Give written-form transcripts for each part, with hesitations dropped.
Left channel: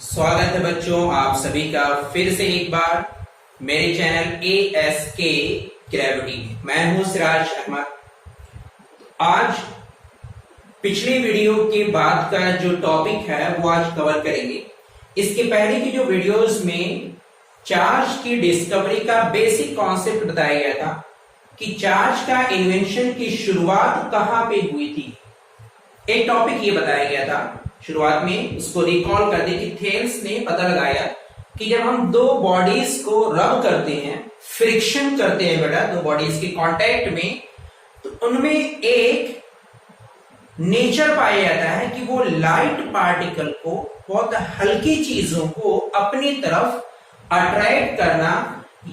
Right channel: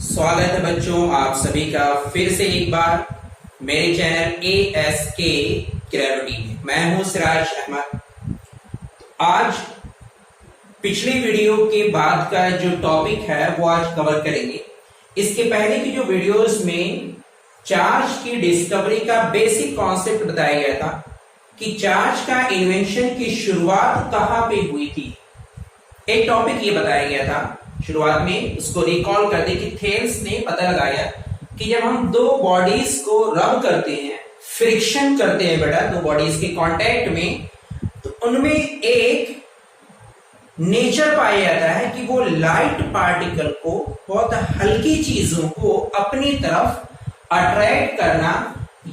स्वागत है बच्चों आप सभी का फिर से एक बार मेरे चैनल ASK ग्रेविटी में। मैं हूं सिराज अहमद। आज पिछली वीडियो के बाद का जो टॉपिक है वो आज कवर करेंगे। इसके पहले की जो वीडियोस में चार्ज की डिस्कवरी का बेसिक कॉन्सेप्ट बताया गया था कि चार्ज का इन्वेंशन की शुरुआत कहां पे हुई थी। एक टॉपिक ये बताया गया था शुरुआत में, उसको रिकॉल कर दे कि थेल्स ने पता लगाया कि जब हम दो बॉडीज को रब करते हैं, फ्रिक्शन करते हैं बेटा दो बॉडीज के कांटेक्ट में, तो उनमें एक नेचर पाया जाता है कि वो लाइट पार्टिकल को, बहुत हल्की चीजों को अपनी तरफ अट्रैक्ट करना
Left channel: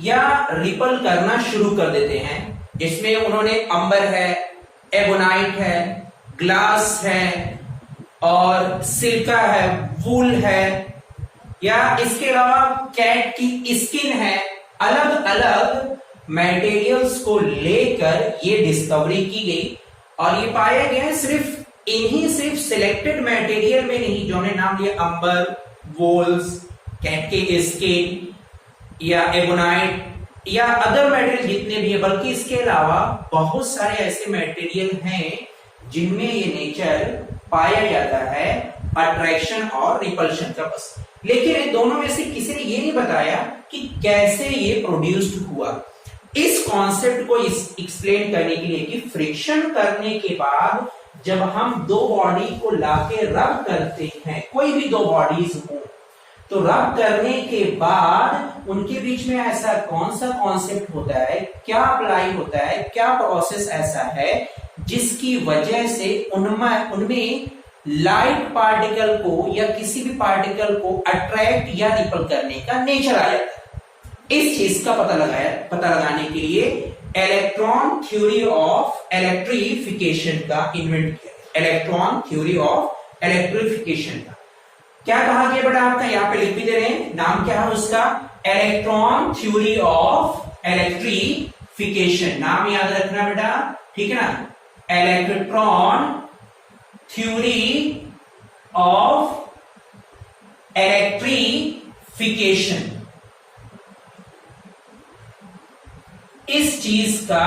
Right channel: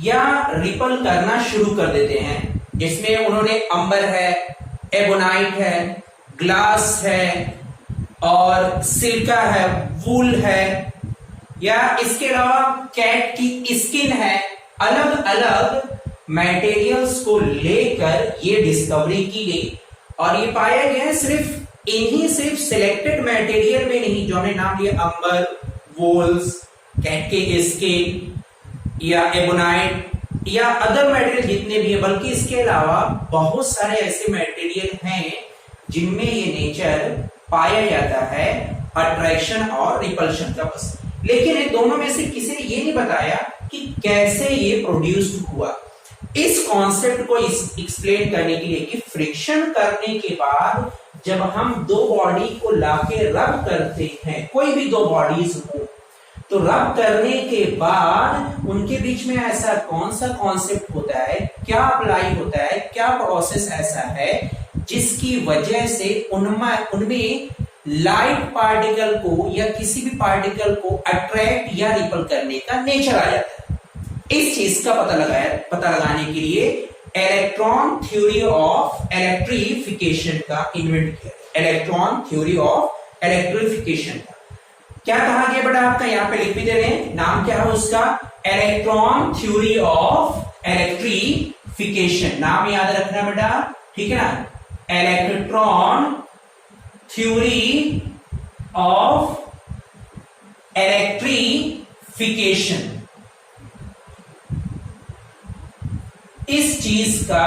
या रिपल करना शुरू कर देते हैं। जिसमें उन्होंने अंबर है, एबोनाइट है, ग्लास है और सिल्का है, वूल है, या इसके अलावा कैट की स्किन है। अलग अलग मटेरियल्स को लेकर ये डिस्कवरी की गई और ये पाया गया है सिर्फ सिलेक्टेड मटेरियल में नहीं, जो हमने नाम लिया अंबर, वूल्स, कैट के स्किन या एबोनाइट या अदर मटेरियल जितने भी है, बल्कि इसके अलावा बहुत सारे ऐसे मटेरियल हैं जिनमें ये नेचर पाया जाता है अट्रैक्शन और रिपल्शन का। बस लेकिन इन दोनों में से किसी ने ये नहीं बताया कि कैसे ये प्रोड्यूस्ड हुआ। इस कॉन्सेप्ट को एक्सप्लेन करने के लिए कि फ्रिक्शन करने के बाद जब हम दो बॉडी को लाके रब करते हैं, कोई भी दो बॉडीज हो, तो रब करने के बाद उनके बीच में ऐसा कौन सा कॉन्सेप्ट होता है, क्या अप्लाई होता है, क्या प्रोसेस ऐसा है जिसकी वजह से उनमें लाइट पार्टिकल को या किसी भी पार्टिकल को अट्रैक्ट या रिपल करने का नेचर आ जाता है। इस चीज का पता लगाने के लिए इलेक्ट्रॉन थ्योरी ऑफ इलेक्ट्रिफिकेशन का इन्वेंट किया। इलेक्ट्रॉन थ्योरी ऑफ इलेक्ट्रिफिकेशन का क्या कहा गया बेटा, आपका यहां पे लिख भी दे रहे हैं, नाम क्या है उसका, इलेक्ट्रॉन थ्योरी ऑफ इलेक्ट्रिफिकेशन। नाम याद रखना बेटा, ठीक है ना, इलेक्ट्रॉन थ्योरी ऑफ इलेक्ट्रिफिकेशन। इस चीज का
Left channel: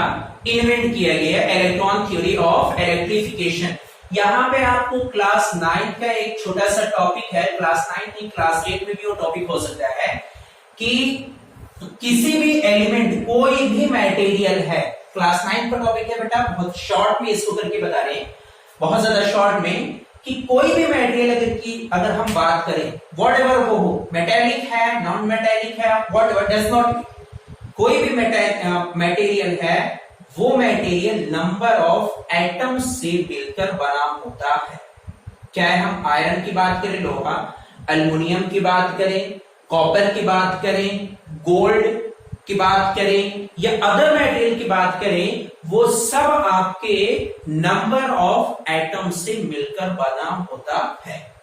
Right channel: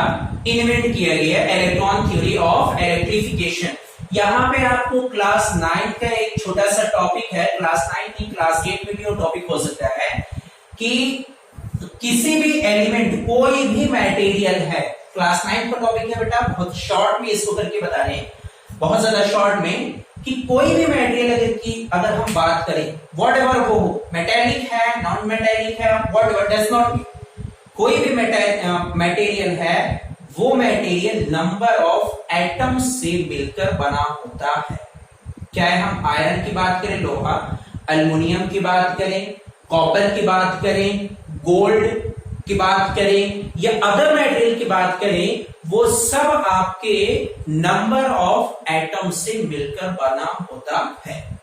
इन्वेंट किया गया इलेक्ट्रॉन थ्योरी ऑफ इलेक्ट्रिफिकेशन। यहां पे आपको क्लास 9 का एक छोटा सा टॉपिक है, क्लास 9 नहीं क्लास 8 में भी वो टॉपिक हो सकता है कि किसी भी एलिमेंट, कोई भी मटेरियल है, क्लास 9 का टॉपिक है बेटा, बहुत शॉर्ट में इसको करके बता रहे हैं, बहुत ज्यादा शॉर्ट में, कि कोई भी मटेरियल अगर हम बात करें, वॉट एवर वो हो, मेटेलिक है, नॉन मेटेलिक है, वॉट एवर डज नॉट, कोई भी मटेरियल है, वो मटेरियल नंबर ऑफ एटम्स से मिलकर बना होता है। चाहे हम आयरन की बात करें, लोहा, एल्युमिनियम की बात करें, कॉपर की बात करें, गोल्ड की बात करें या अदर मटेरियल की बात करें, वो सब आपके नंबर ऑफ एटम्स से मिलकर बना होता है।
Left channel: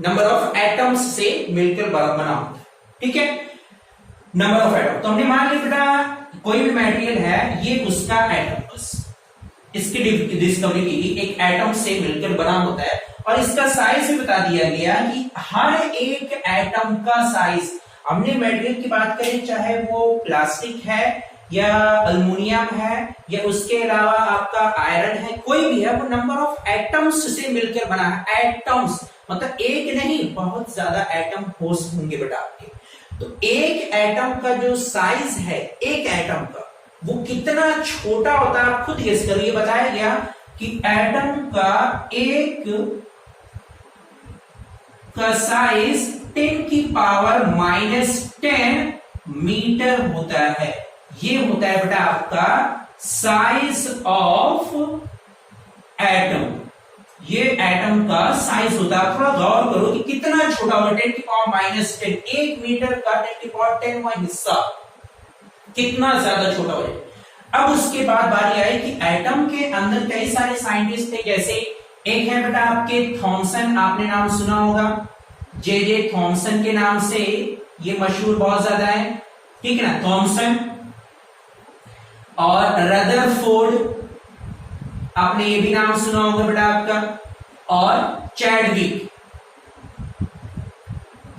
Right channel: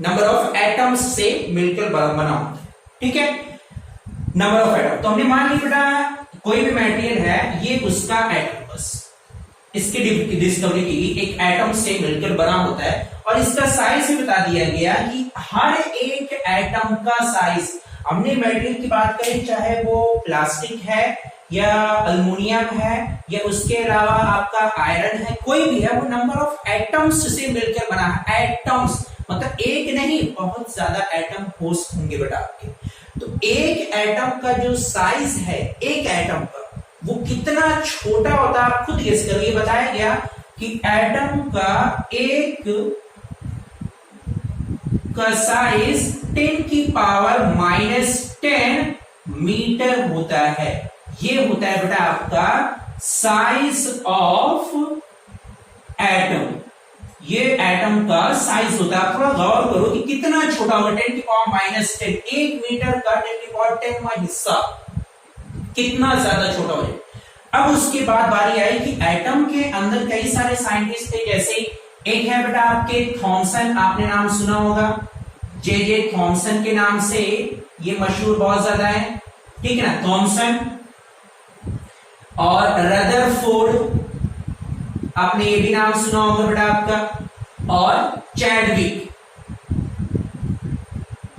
नंबर ऑफ एटम्स से मिलकर बना होता है, ठीक है, नंबर ऑफ एटम। तो हमने मान लिया बेटा कोई भी मटेरियल है, ये उसका एटम, बस इसकी डिस्कवरी की एक एटम से मिलकर बना होता है और इसका साइज भी बता दिया गया कि हर एक एटम का साइज, हमने मटेरियल की बात करें चाहे वो प्लास्टिक है या एल्युमिनियम है या उसके अलावा आपका आयरन है, कोई भी है, वो नंबर ऑफ एटम्स से मिलकर बना है। एटम्स मतलब एक नहीं, बहुत ज्यादा एटम होंगे बेटा आपके। तो एक एटम का जो साइज है, एक एटम का वो कितना छोटा होता है आप खुद गेस करिए। ये बताया गया कि एटम का एक का साइज 10 की पावर -10 मीटर होता है। ये होता है बेटा आपका साइज ऑफ एटम, ये एटम का साइज होता है। थोड़ा गौर करो कि कितना छोटा होगा, 10 की पावर -10, 1 मीटर का 10 की पावर 10वां हिस्सा, कितना ज्यादा छोटा हो जाए। अब उसके बाद बारी आई कि एटम के अंदर कई सारे साइंटिस्ट थे, जैसे एक है बेटा आपके थॉमसन, आपने नाम सुना होगा, जे थॉमसन के नाम से ये मशहूर बहुत ज्यादा है, ठीक है ना, थॉमसन। और रदरफोर्ड, आपने ये भी नाम सुना होगा बेटा आपका, और चैडविक,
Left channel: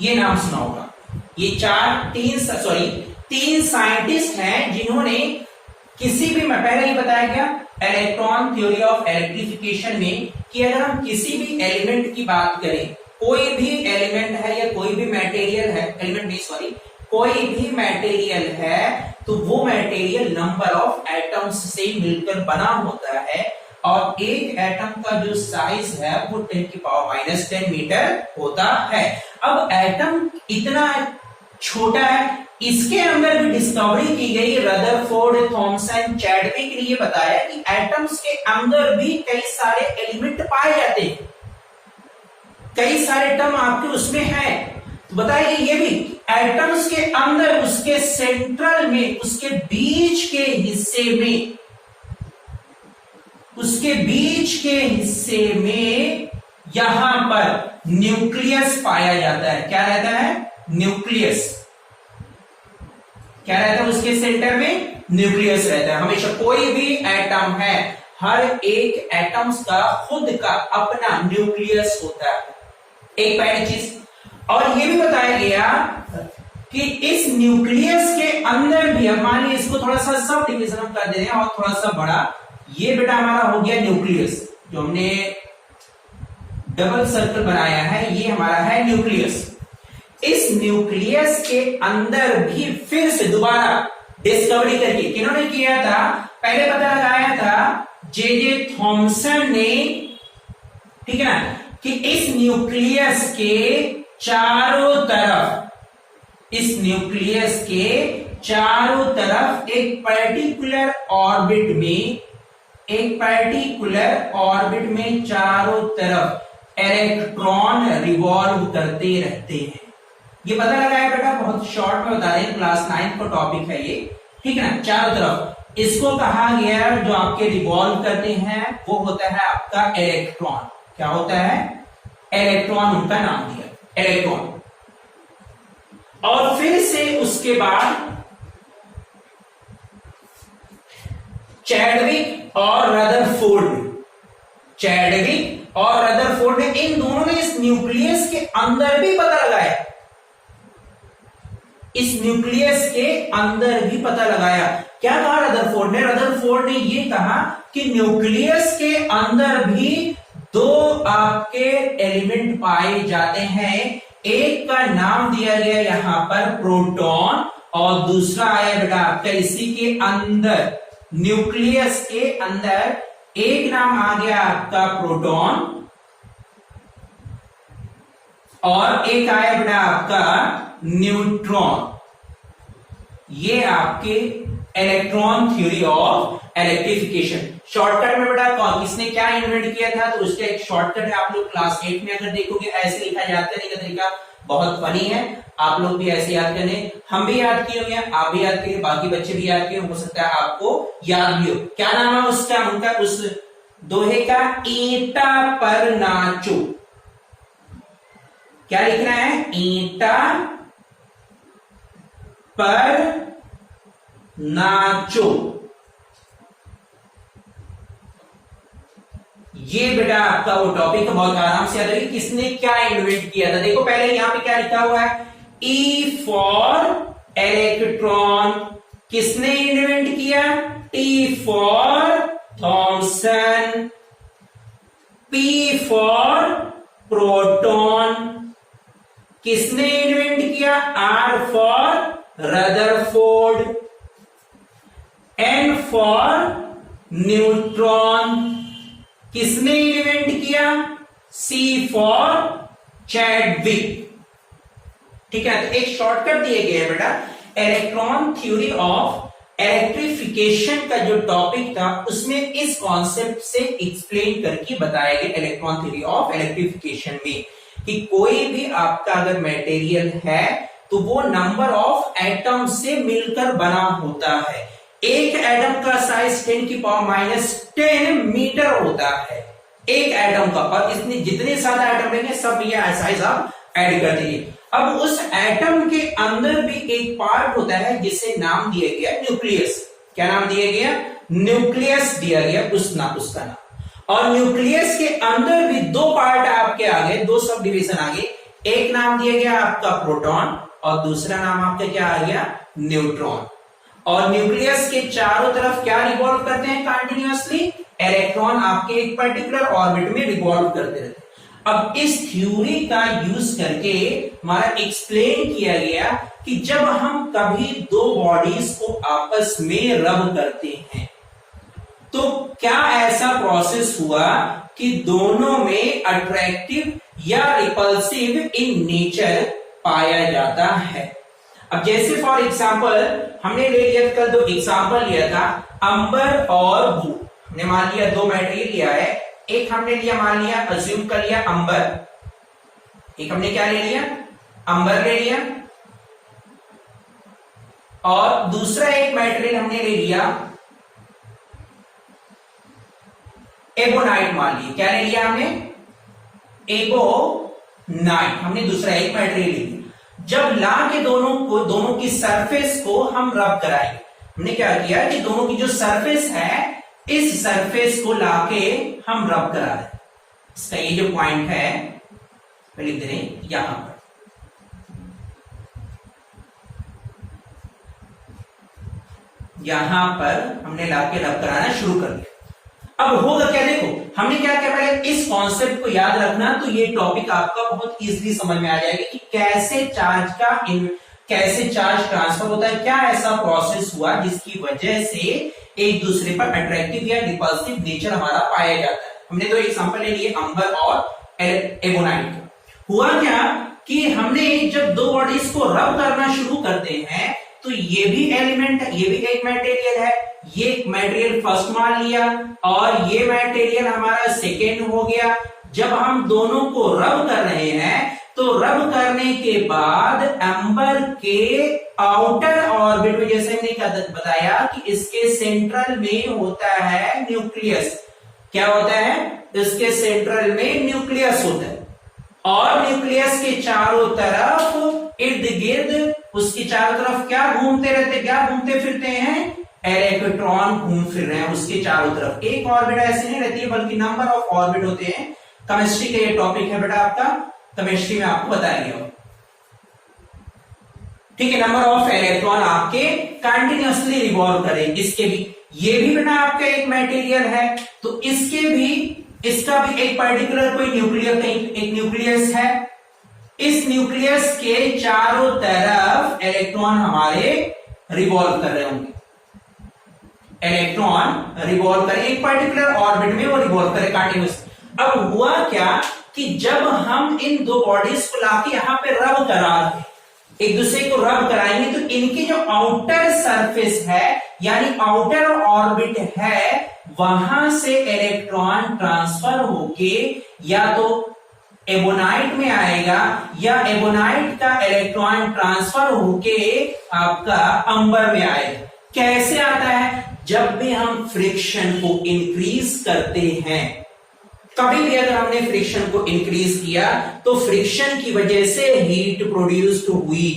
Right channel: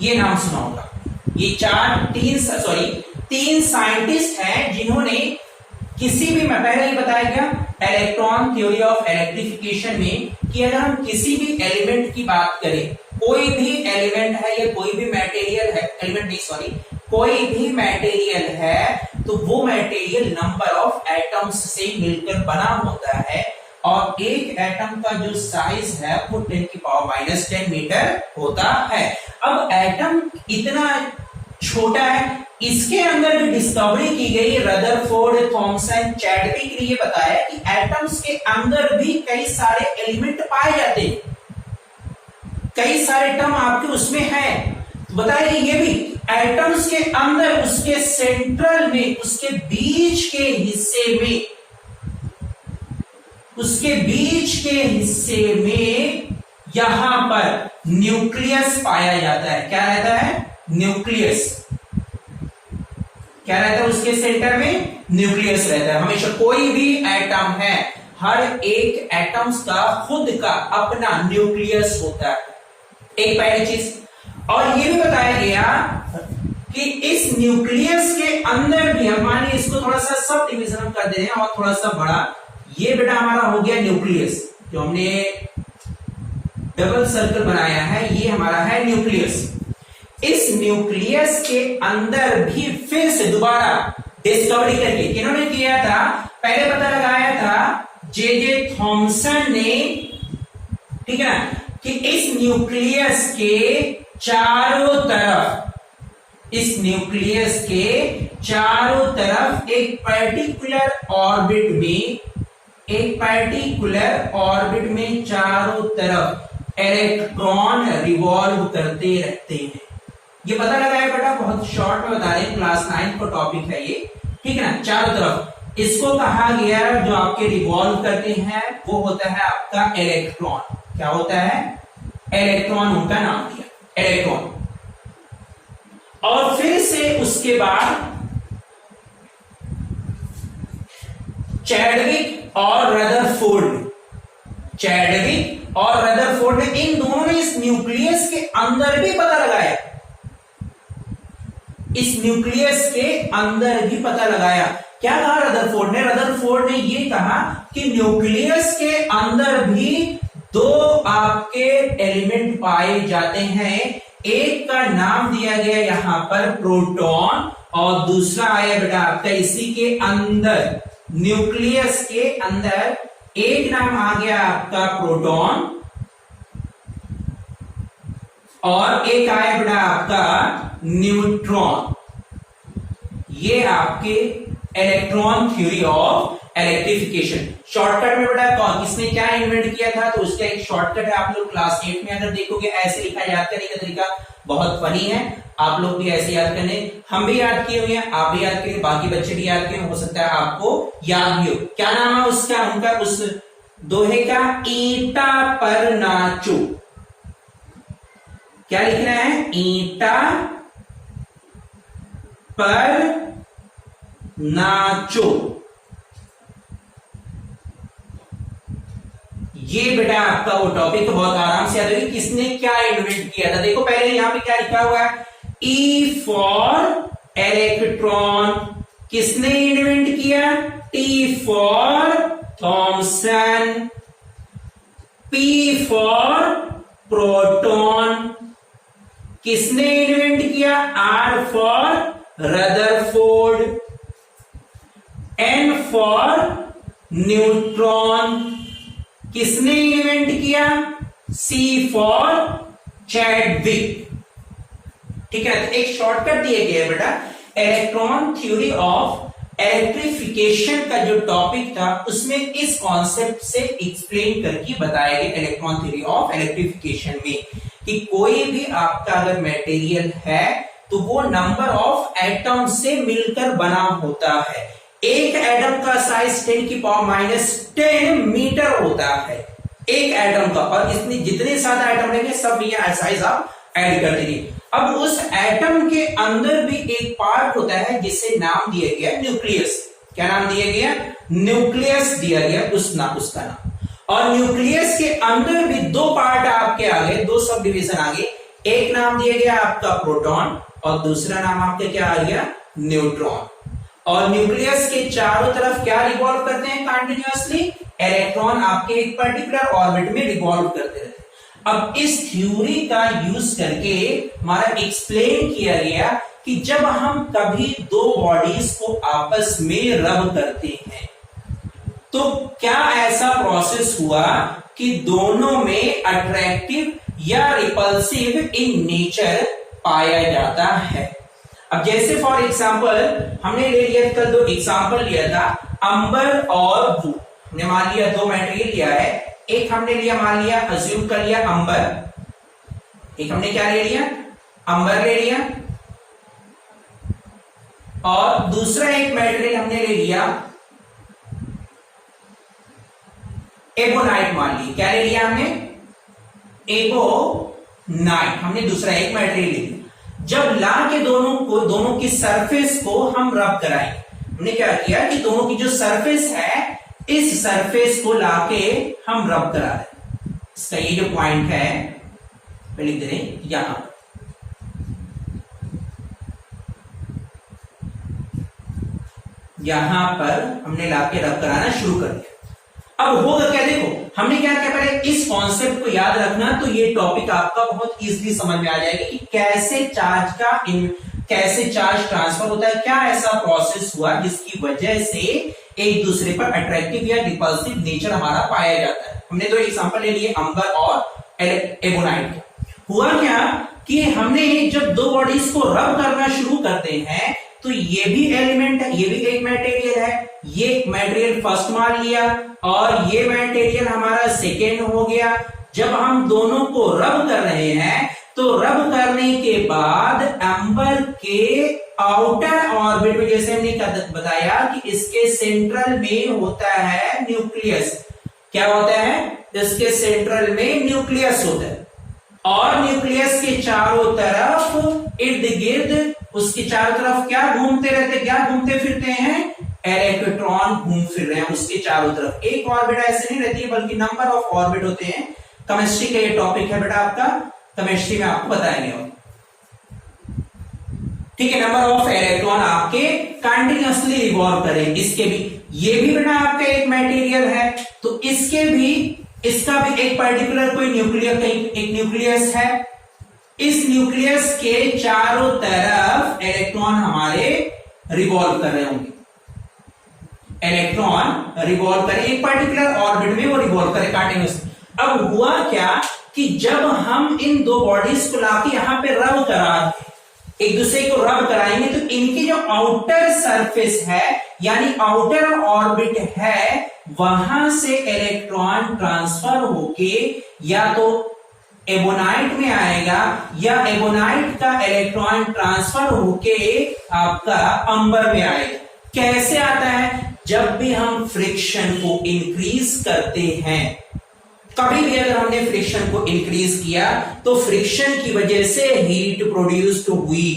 ये नाम सुना होगा। ये तीन साइंटिस्ट हैं जिन्होंने किसी भी, मैं पहले ही बताया गया इलेक्ट्रॉन थ्योरी ऑफ इलेक्ट्रिफिकेशन में कि अगर हम किसी भी एलिमेंट की बात करें, कोई भी एलिमेंट है या कोई भी मटेरियल है, कोई भी मटेरियल है तो वो मटेरियल नंबर ऑफ एटम्स से मिलकर बना होता है और एक एटम का जो साइज है वो 10⁻⁻10 मीटर होता है। अब एटम इतना छोटा है, इसके अंदर भी डिस्कवरी की गई, रदरफोर्ड, थॉमसन, चैडविक ने ये बताया कि एटम्स के अंदर भी कई सारे एलिमेंट पाए जाते हैं, कई सारे टर्म आपके उसमें है। तो बताया कि ये भी एटम्स के अंदर उसके सेंट्रल में, उसके बीच के हिस्से में यहां पर न्यूक्लियस पाया जाता है। क्या रहता है? न्यूक्लियस। क्या रहता है उसके सेंटर में? न्यूक्लियस रहता है। हमेशा कोई भी एटम है, हर एक एटम्स का खुद का अपना न्यूक्लियस होता है, एक पहली चीज। और ये भी बताया गया कि इस न्यूक्लियस के अंदर भी, हम मान लीजिए इसको थोड़ा सा सब डिवीजन हम कर दे रहे हैं और थोड़ा सा बड़ा, ये बेटा हमारा हो गया न्यूक्लियस, जो हमने डबल सर्कल बनाया है, ये हमारा है न्यूक्लियस। इस न्यूक्लियस के अंदर भी फिर से दोबारा डिस्कवरी करके किन्होंने किया था? पहले पता लगाया था जे थॉमसन ने, ठीक है ना, कि इस न्यूक्लियस के चारों तरफ एक पर्टिकुलर ऑर्बिट में चारों तरफ इलेक्ट्रॉन रिवॉल्व करते रहते हैं। ये पता लगाया बेटा, बहुत शॉर्ट में बता दें, क्लास 9 का टॉपिक है ये, ठीक है ना। चारों तरफ इसको कहा गया, जो आपके रिवॉल्व करते हैं वो होता है आपका इलेक्ट्रॉन। क्या होता है? इलेक्ट्रॉन, उनका नाम दिया इलेक्ट्रॉन। और फिर से उसके बाद चैडविक और रदरफोर्ड ने, इन दोनों ने इस न्यूक्लियस के अंदर भी पता लगाया, क्या कहा रदरफोर्ड ने ये कहा कि न्यूक्लियस के अंदर भी दो आपके एलिमेंट पाए जाते हैं। एक का नाम दिया गया यहां पर प्रोटॉन और दूसरा आया बेटा आपका इसी के अंदर, न्यूक्लियस के अंदर एक नाम आ गया आपका प्रोटॉन और एक आया बेटा आपका न्यूट्रॉन। ये आपके electron theory of electrification. Shortcut में बेटा किसने क्या इन्वेंट किया था, तो उसका एक शॉर्टकट है, आप लोग क्लास 8 में अगर देखोगे ऐसे लिखा याद करने का तरीका बहुत फनी है, आप लोग भी ऐसे याद करने, हम भी याद किए हुए हैं, आप भी याद किए, बाकी बच्चे भी याद किए, हो सकता है आपको याद भी हो। क्या नाम है उसका, उनका उस दोहे का? ईंटा पर नाचो। क्या लिखना है? ईंटा पर नाचो। ये बेटा आपका वो टॉपिक बहुत आराम से याद है, किसने क्या इन्वेंट किया था। देखो पहले यहां पे क्या लिखा हुआ है, ई फॉर इलेक्ट्रॉन, किसने इन्वेंट किया? T for Thomson, P for proton, किसने इन्वेंट किया? R for Rutherford, N for neutron, किसने इन्वेंट किया? C for Chadwick. ठीक है, तो एक शॉर्टकट दिए गए बेटा, इलेक्ट्रॉन थ्योरी ऑफ इलेक्ट्रिफिकेशन का जो टॉपिक था उसमें इस कॉन्सेप्ट से एक्सप्लेन करके बताया गया इलेक्ट्रॉन थ्योरी ऑफ इलेक्ट्रिफिकेशन में कि कोई भी आपका अगर मटेरियल है तो वो नंबर ऑफ एटम से मिलकर बना होता है। एक एटम का साइज 10⁻⁻10 मीटर होता है एक एटम का, और इसमें जितने ज्यादा एटम लेंगे सब ये साइज आप ऐड कर देंगे। अब उस एटम के अंदर भी एक पार्ट होता है जिसे नाम दिया गया न्यूक्लियस। क्या नाम दिया गया? न्यूक्लियस दिया गया उसका नाम। और न्यूक्लियस के अंदर भी दो पार्ट आपके आ गए, दो सब डिवीजन आ गए। एक नाम दिया गया आपका प्रोटॉन और दूसरा नाम आपका क्या आ गया, न्यूट्रॉन। और न्यूक्लियस के चारों तरफ क्या रिवॉल्व करते हैं कंटिन्यूअसली, इलेक्ट्रॉन आपके एक पर्टिकुलर ऑर्बिट में रिवॉल्व करते रहते हैं। अब इस थ्योरी का यूज करके हमारा एक्सप्लेन किया गया कि जब हम कभी दो बॉडीज को आपस में रब करते हैं तो क्या ऐसा प्रोसेस हुआ कि दोनों में अट्रैक्टिव या रिपल्सिव इन नेचर पाया जाता है। अब जैसे फॉर एग्जांपल हमने ले लिया, कल दो एग्जांपल लिया था, अंबर और ब्लू। हमने मान लिया दो मटेरियल लिया है, एक हमने लिया मान लिया अज्यूम कर लिया अंबर, एक हमने क्या ले लिया अंबर ले लिया, और दूसरा एक मटेरियल हमने ले लिया एबोनाइट मान लिया। क्या ले लिया हमने, एबोनाइट, हमने दूसरा एक मटेरियल ले लिया। जब ला के दोनों की सरफेस को हम रब कराएंगे, हमने क्या किया कि दोनों की जो सरफेस है इस सरफेस को लाके हम रब करा रहे। इसका ये जो पॉइंट है लिख दे रहे यहां पर, यहां पर हमने लाके रब कराना शुरू कर दिया। अब होगा क्या, देखो हमने क्या किया, पहले इस कॉन्सेप्ट को याद रखना तो ये टॉपिक आपका बहुत इजीली समझ में आ जाएगा कि कैसे चार्ज ट्रांसफर होता है, क्या ऐसा प्रोसेस हुआ जिसकी वजह से एक दूसरे पर अट्रैक्टिव या रिपल्सिव नेचर हमारा पाया जाता है। हमने दो एग्जांपल ले लिए अंबर और एबोनाइट। हुआ क्या कि हमने जब दो बॉडीज को रब करना शुरू करते हैं तो ये भी एलिमेंट है, ये भी एक मटेरियल है, ये मटेरियल फर्स्ट मान लिया और ये मटेरियल हमारा सेकेंड हो गया। जब हम दोनों को रब कर रहे हैं तो रब करने के बाद अंबर के आउटर ऑर्बिट में, जैसे हमने बताया कि इसके सेंट्रल में होता है न्यूक्लियस। क्या होता है, इसके सेंट्रल में न्यूक्लियस होता है और न्यूक्लियस के चारों तरफ इर्द गिर्द उसके चारों तरफ क्या घूमते रहते, क्या घूमते फिरते हैं, इलेक्ट्रॉन घूम फिर रहे हैं उसके चारों तरफ। एक ऑर्बिट ऐसे नहीं रहती है बल्कि नंबर ऑफ ऑर्बिट होते हैं। केमिस्ट्री का ये टॉपिक है बेटा आपका, केमिस्ट्री में आपको बताएंगे, ठीक है। नंबर ऑफ इलेक्ट्रॉन आपके कंटिन्यूअसली रिवॉल्व करेंगे। इसके भी, ये भी बेटा आपका एक मटेरियल है तो इसके भी, इसका भी एक पर्टिकुलर कोई न्यूक्लियर, एक न्यूक्लियस है। इस न्यूक्लियस के चारों तरफ इलेक्ट्रॉन हमारे रिवॉल्व कर रहे होंगे, इलेक्ट्रॉन रिवॉल्व करें एक पर्टिकुलर ऑर्बिट में, वो रिवॉल्व करें कंटिन्यूअसली। अब हुआ क्या कि जब हम इन दो बॉडीज को लाके यहां पे रब करा, एक दूसरे को रब कराएंगे तो इनकी जो आउटर सरफेस है यानी आउटर ऑर्बिट है वहां से इलेक्ट्रॉन ट्रांसफर होके या तो एबोनाइट में आएगा या एबोनाइट का इलेक्ट्रॉन ट्रांसफर होके आपका अंबर में आएगा। कैसे आता है, जब भी हम फ्रिक्शन को इंक्रीज करते हैं, कभी भी अगर हमने फ्रिक्शन को इंक्रीज किया तो फ्रिक्शन की वजह से हीट प्रोड्यूस्ड हुई।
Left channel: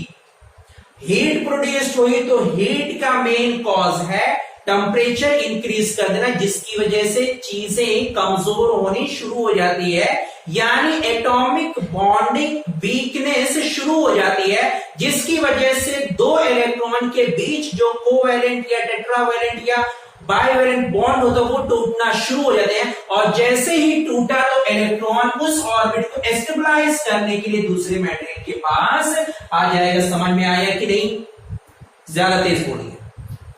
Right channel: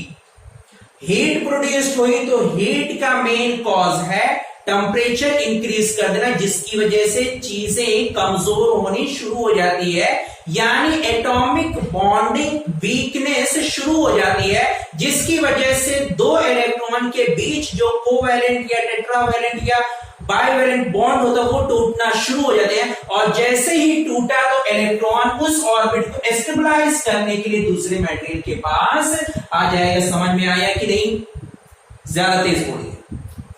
हीट प्रोड्यूस्ड हुई तो हीट का मेन कॉज है टेम्परेचर इंक्रीज कर देना, जिसकी वजह से चीजें कमजोर होनी शुरू हो जाती है, यानी एटॉमिक बॉन्डिंग वीकनेस शुरू हो जाती है, जिसकी वजह से दो इलेक्ट्रॉन के बीच जो कोवैलेंट या टेट्रावैलेंट या बाइवैलेंट बॉन्ड होता है वो टूटना शुरू हो जाते हैं। और जैसे ही टूटा तो इलेक्ट्रॉन उस ऑर्बिट को स्टेबलाइज करने के लिए दूसरे मटेरियल के पास आ जाएगा। समझ में आया कि नहीं, ज्यादा तेज बोलिए,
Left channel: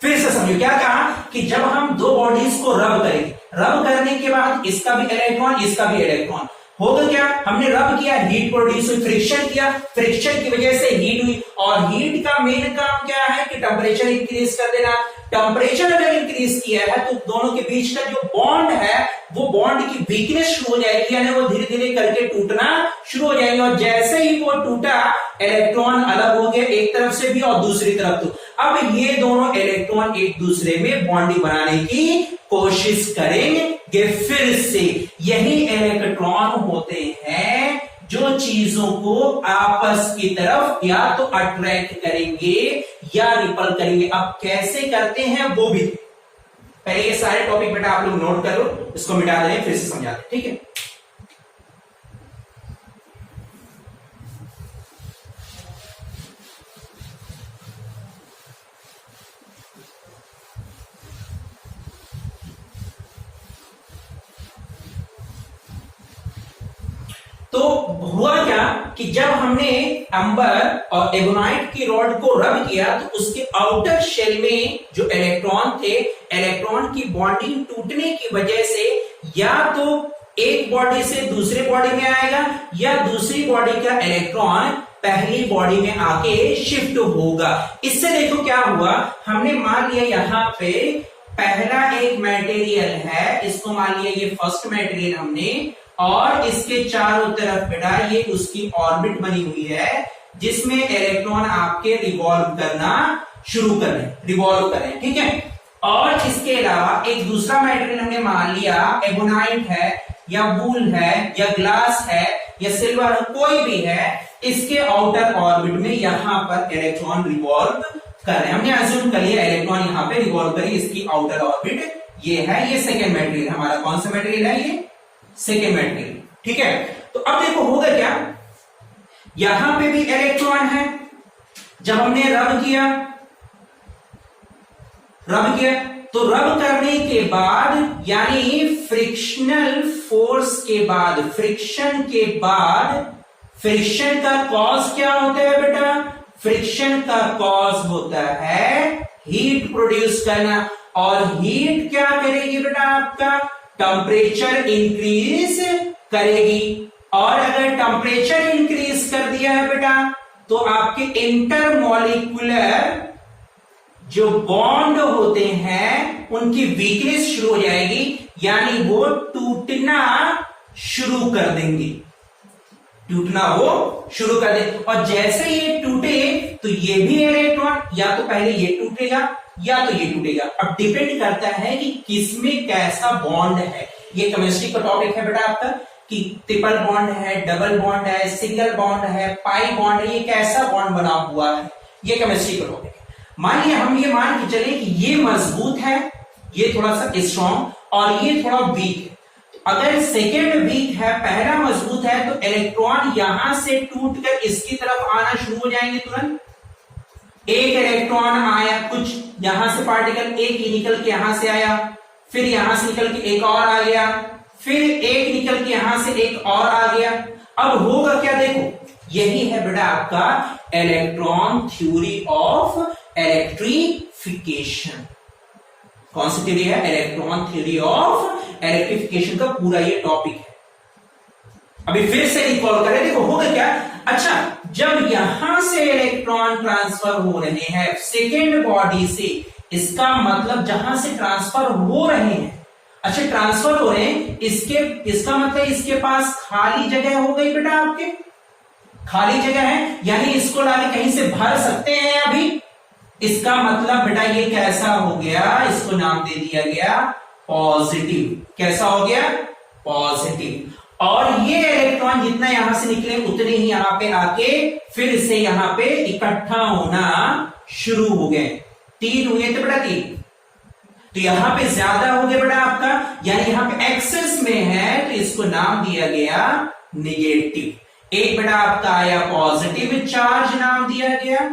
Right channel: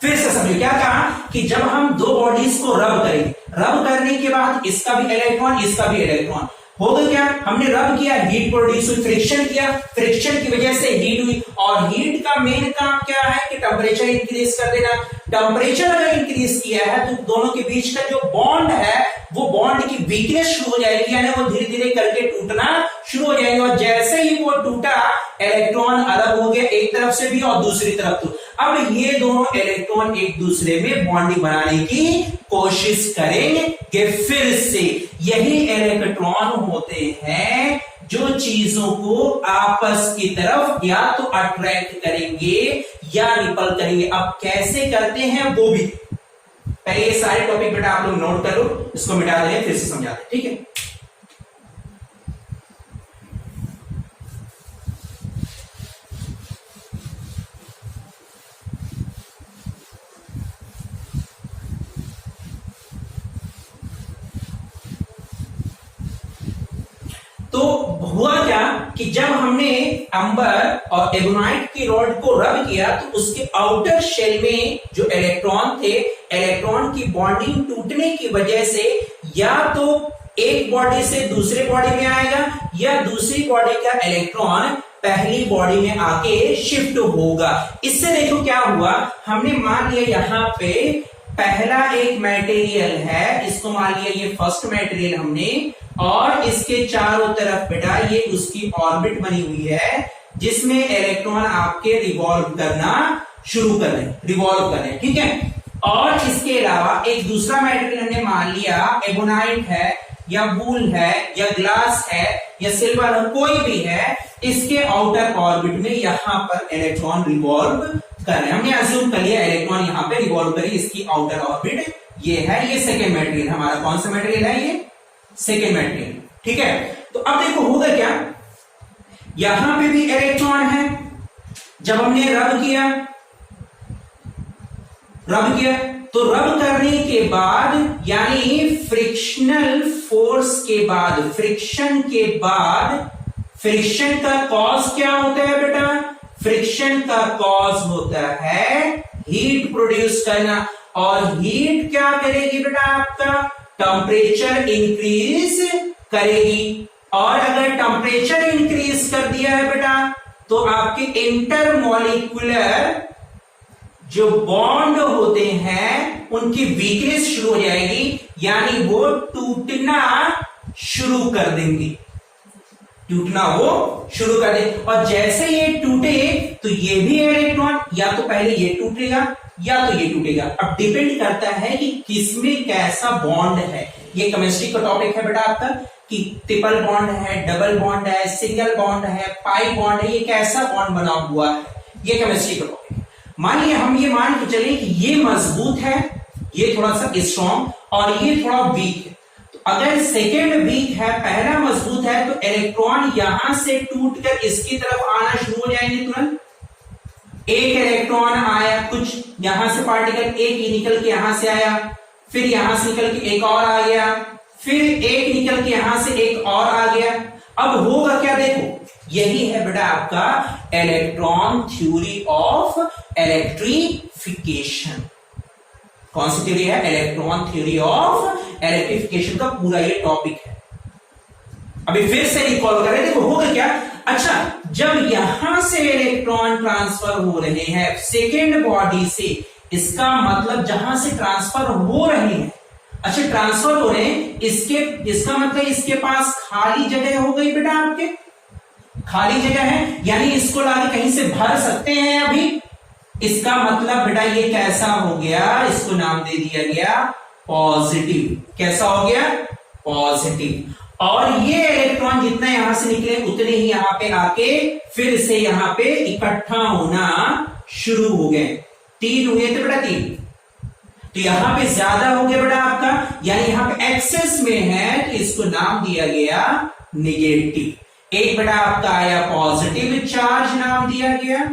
फिर से समझो। क्या कहा कि जब हम दो बॉडीज को रब करेंगे, रब करने के बाद इसका भी इलेक्ट्रॉन इसका भी इलेक्ट्रॉन होगा, क्या हमने रब किया, हीट प्रोड्यूस हुई, फ्रिक्शन किया, फ्रिक्शन की वजह से हीट हुई और हीट का मेन काम क्या है कि टेम्परेचर इंक्रीज कर देना। टेम्परेचर अगर इंक्रीज किया है तो दोनों के बीच का जो बॉन्ड है वो बॉन्ड की वीकनेस शुरू हो जाएगी, यानी वो धीरे धीरे करके टूटना शुरू हो जाएंगे। और जैसे ही वो टूटा इलेक्ट्रॉन अलग हो गया एक तरफ से भी और दूसरी तरफ तो अब ये दोनों इलेक्ट्रॉन एक दूसरे में बॉन्डिंग बनाने की कोशिश करेंगे। फिर से यही इलेक्ट्रॉन होते हैं जो चीजों को आपस की तरफ या तो अट्रैक्ट करेंगे या रिपल करेंगे। अब कैसे करते हैं वो भी, पहले ये सारे टॉपिक बेटा आप लोग नोट करो, इसको मिटा दें फिर से समझाते, ठीक है। तो हुआ क्या कि जब हमने अंबर और एबोनाइट की रॉड को रब किया तो उसके आउटर शेल में जो इलेक्ट्रॉन थे, इलेक्ट्रॉन की बॉन्डिंग टूटने की वजह से या तो एक बॉडी से दूसरे बॉडी में आएगा या दूसरी बॉडी का इलेक्ट्रॉन पहली बॉडी में आके शिफ्ट होगा। इससे देखो क्या हुआ, हमने मान लिया यहां पे पहला एक मटेरियल है, इसको मान लिया ये फर्स्ट मटेरियल हमने, और इसके चारों तरफ बेटा ये उसकी ऑर्बिट बनी हुई है जिसमें इलेक्ट्रॉन आपके रिवॉल्व करना शुरू कर रहे, रिवॉल्व कर रहे, ठीक है। और इसके अलावा एक दूसरा मटेरियल हमने मान लिया एबोनाइट है या वूल है या ग्लास है या सिल्वर है, कोई भी है, इसके आउटर ऑर्बिट में यहां पर इलेक्ट्रॉन रिवॉल्व कर रहे हैं। हमने अज्यूम कर लिया इलेक्ट्रॉन यहां पे रिवॉल्व करें, इसकी आउटर ऑर्बिट ये है, ये सेकेंड मटेरियल हमारा। कौन सा मटेरियल है ये? सेकेंड मटेरियल, ठीक है। तो अब देखो होगा क्या, यहां पे भी इलेक्ट्रॉन है, जब हमने रब किया तो रब करने के बाद यानी फ्रिक्शनल फोर्स के बाद, फ्रिक्शन के बाद, फ्रिक्शन का कॉज क्या होता है बेटा? फ्रिक्शन का कॉज होता है हीट प्रोड्यूस करना, और हीट क्या करेगी बेटा? आपका टेम्परेचर इंक्रीज करेगी, और अगर टेम्परेचर इंक्रीज कर दिया है बेटा तो आपके इंटरमॉलिक्यूलर जो बॉन्ड होते हैं उनकी वीकनेस शुरू हो जाएगी, यानी वो टूटना शुरू कर देंगे, टूटना वो शुरू कर दे। और जैसे ये टूटे तो ये भी इलेक्ट्रॉन या तो पहले ये टूटेगा या तो ये टूटेगा। अब डिपेंड करता है कि किसमें कैसा बॉन्ड है। ये केमिस्ट्री का टॉपिक है बेटा आपका कि ट्रिपल बॉन्ड है, डबल बॉन्ड है, सिंगल बॉन्ड है, पाई बॉन्ड है, ये कैसा बॉन्ड बना हुआ है, ये केमिस्ट्री का टॉपिक है। मानिए हम ये मान के चले कि ये मजबूत है, ये थोड़ा सा स्ट्रॉन्ग और ये थोड़ा वीक है। अगर सेकेंड वीक है, पहला मजबूत है, तो इलेक्ट्रॉन यहां से टूटकर इसकी तरफ आना शुरू हो जाएंगे तुरंत। एक इलेक्ट्रॉन आया, कुछ यहां से पार्टिकल एक ही निकल के यहां से आया, फिर यहां से निकल के एक और आ गया, फिर एक निकल के यहां से एक और आ गया। अब होगा क्या देखो, यही है बेटा आपका इलेक्ट्रॉन थ्योरी ऑफ इलेक्ट्रिफिकेशन। कौन सी थ्योरी है? इलेक्ट्रॉन थ्योरी ऑफ इलेक्ट्रिफिकेशन का पूरा ये टॉपिक है। अभी फिर से रिकॉल करें, देखो होगा क्या। अच्छा, जब यहां से इलेक्ट्रॉन ट्रांसफर हो रहे हैं सेकेंड बॉडी से, इसका मतलब जहां से ट्रांसफर हो रहे हैं, अच्छा ट्रांसफर हो रहे हैं, इसका मतलब इसके पास खाली जगह हो गई बेटा, आपके खाली जगह है, यानी इसको लाके कहीं से भर सकते हैं अभी। इसका मतलब बेटा ये कैसा हो गया, इसको नाम दे दिया गया पॉजिटिव। कैसा हो गया? पॉजिटिव। और ये इलेक्ट्रॉन जितना यहां से निकले उतने ही यहां पे आके फिर से यहां पे इकट्ठा होना शुरू हो गए। 3 हुए थे बेटा, 3, तो यहां पे ज्यादा हो गया बेटा आपका, यानी यहां पे एक्सेस में है, तो इसको नाम दिया गया निगेटिव। एक बेटा आपका आया पॉजिटिव चार्ज नाम दिया गया,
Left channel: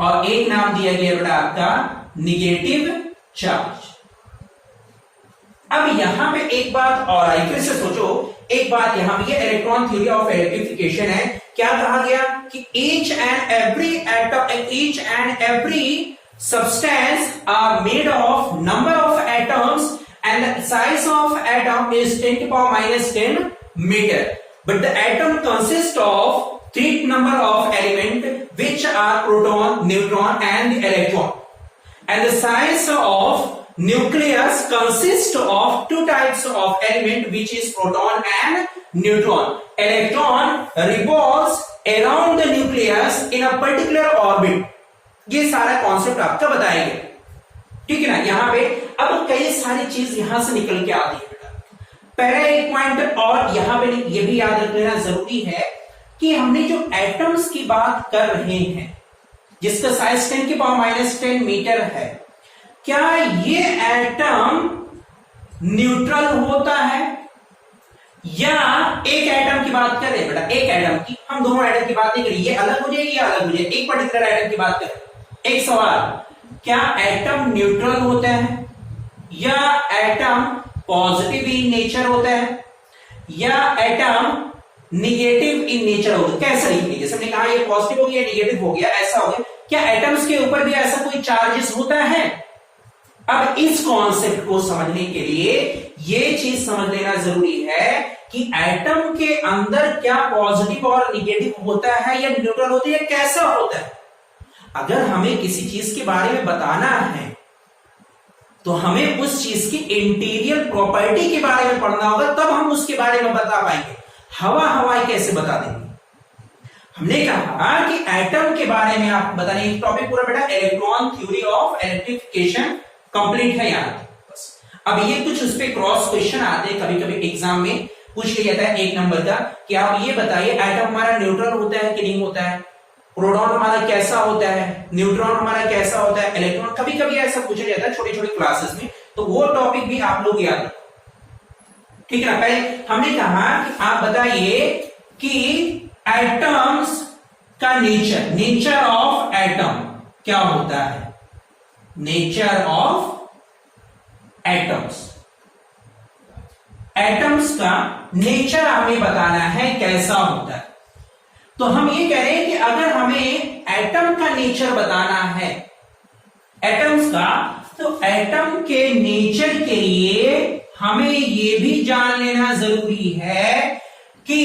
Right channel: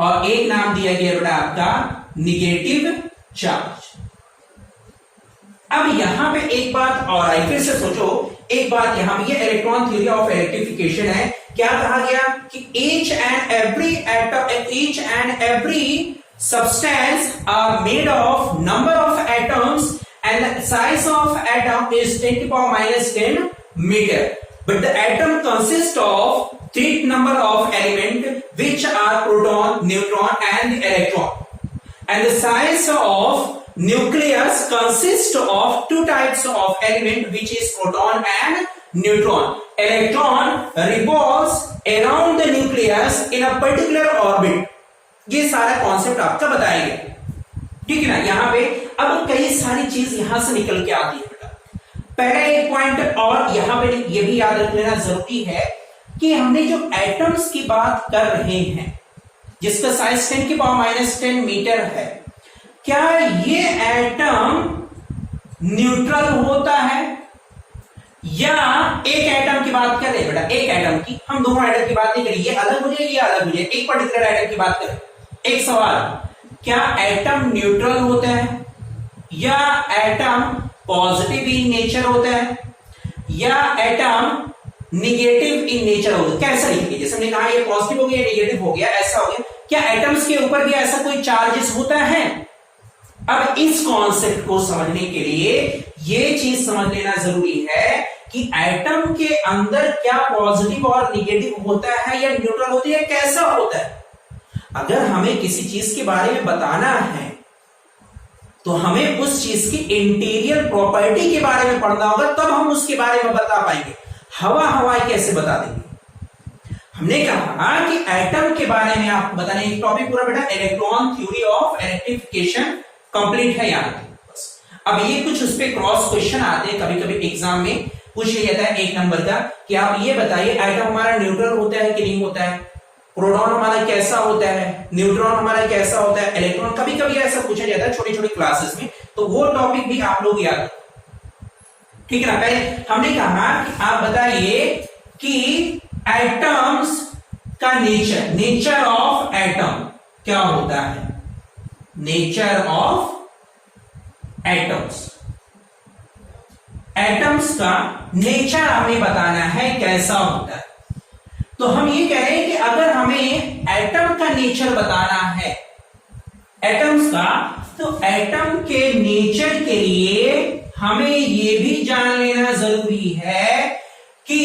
और एक नाम दिया गया बेटा आपका निगेटिव चार्ज। अब यहां पे एक बात और आई, फिर से सोचो एक बात, यहां पे ये इलेक्ट्रॉन थ्योरी ऑफ इलेक्ट्रिफिकेशन है। क्या कहा गया कि each and every atom, each and every substance are made of number of atoms and the size of atom is 10 to the power minus 10 meter, but the atom consists of 3 number of element which are proton, neutron and electron, and the size of nucleus consists of 2 types of element which is proton and neutron. Electron revolves around the nucleus in a particular orbit. ये सारा concept आपका बताया गया, ठीक है ना। यहां पे अब कई सारी चीज यहां से निकल के आती है बेटा। पहला एक पॉइंट और यहां पे ये भी याद रख लेना जरूरी है कि हमने जो एटम्स की बात कर रहे हैं जिसका साइज 10 की पावर माइनस 10 मीटर है, क्या ये एटम न्यूट्रल होता है? या एक एटम की बात कर रहे हैं बेटा, एक एटम की, हम दोनों एटम की बात नहीं करें, ये अलग हो जाएगी, ये अलग हो जाएगी, एक पर्टिकुलर एटम की बात करें। एक सवाल, क्या एटम न्यूट्रल होते हैं या एटम पॉजिटिव इन नेचर होते हैं? या एटम निगेटिव इन नेचर होगा? कैसा लिखेंगे? जैसे हमने कहा ये पॉजिटिव हो गया, निगेटिव हो गया, ऐसा हो गया। क्या एटम्स के ऊपर भी ऐसा कोई चार्जेस होता है? अब इस कॉन्सेप्ट को समझने के लिए ये चीज समझ लेना जरूरी है कि एटम के अंदर क्या पॉजिटिव और निगेटिव होता है या न्यूट्रल होती है, कैसा होता है। अगर हमें किसी चीज के बारे में बताना है तो हमें उस चीज की इंटीरियर प्रॉपर्टी के बारे में पढ़ना होगा, तब हम उसके बारे में बता पाएंगे। हवाई कैसे बता देंगे? हमने कहा कि एटम के बारे में आप बताने टॉपिक पूरा बेटा electron theory of electrification complete है यहां तक बस। अब ये कुछ उस पर क्रॉस क्वेश्चन आते हैं, कभी कभी एग्जाम में पूछ लिया जाता है 1 नंबर का कि आप ये बताइए एटम हमारा न्यूट्रल होता है कि नहीं होता है, प्रोटॉन हमारा कैसा होता है, न्यूट्रॉन हमारा कैसा होता है, इलेक्ट्रॉन, कभी कभी ऐसा पूछा जाता है छोटी छोटी क्लासेस में, तो वो टॉपिक भी आप लोग याद रखो, ठीक है ना। पहले हमने कहा कि आप बताइए कि एटम्स का नेचर ऑफ एटम क्या होता है, नेचर ऑफ एटम्स, एटम्स का नेचर हमें बताना है कैसा होता है। तो हम ये कह रहे हैं कि अगर हमें एटम का नेचर बताना है एटम्स का, तो एटम के नेचर के लिए हमें ये भी जान लेना जरूरी है कि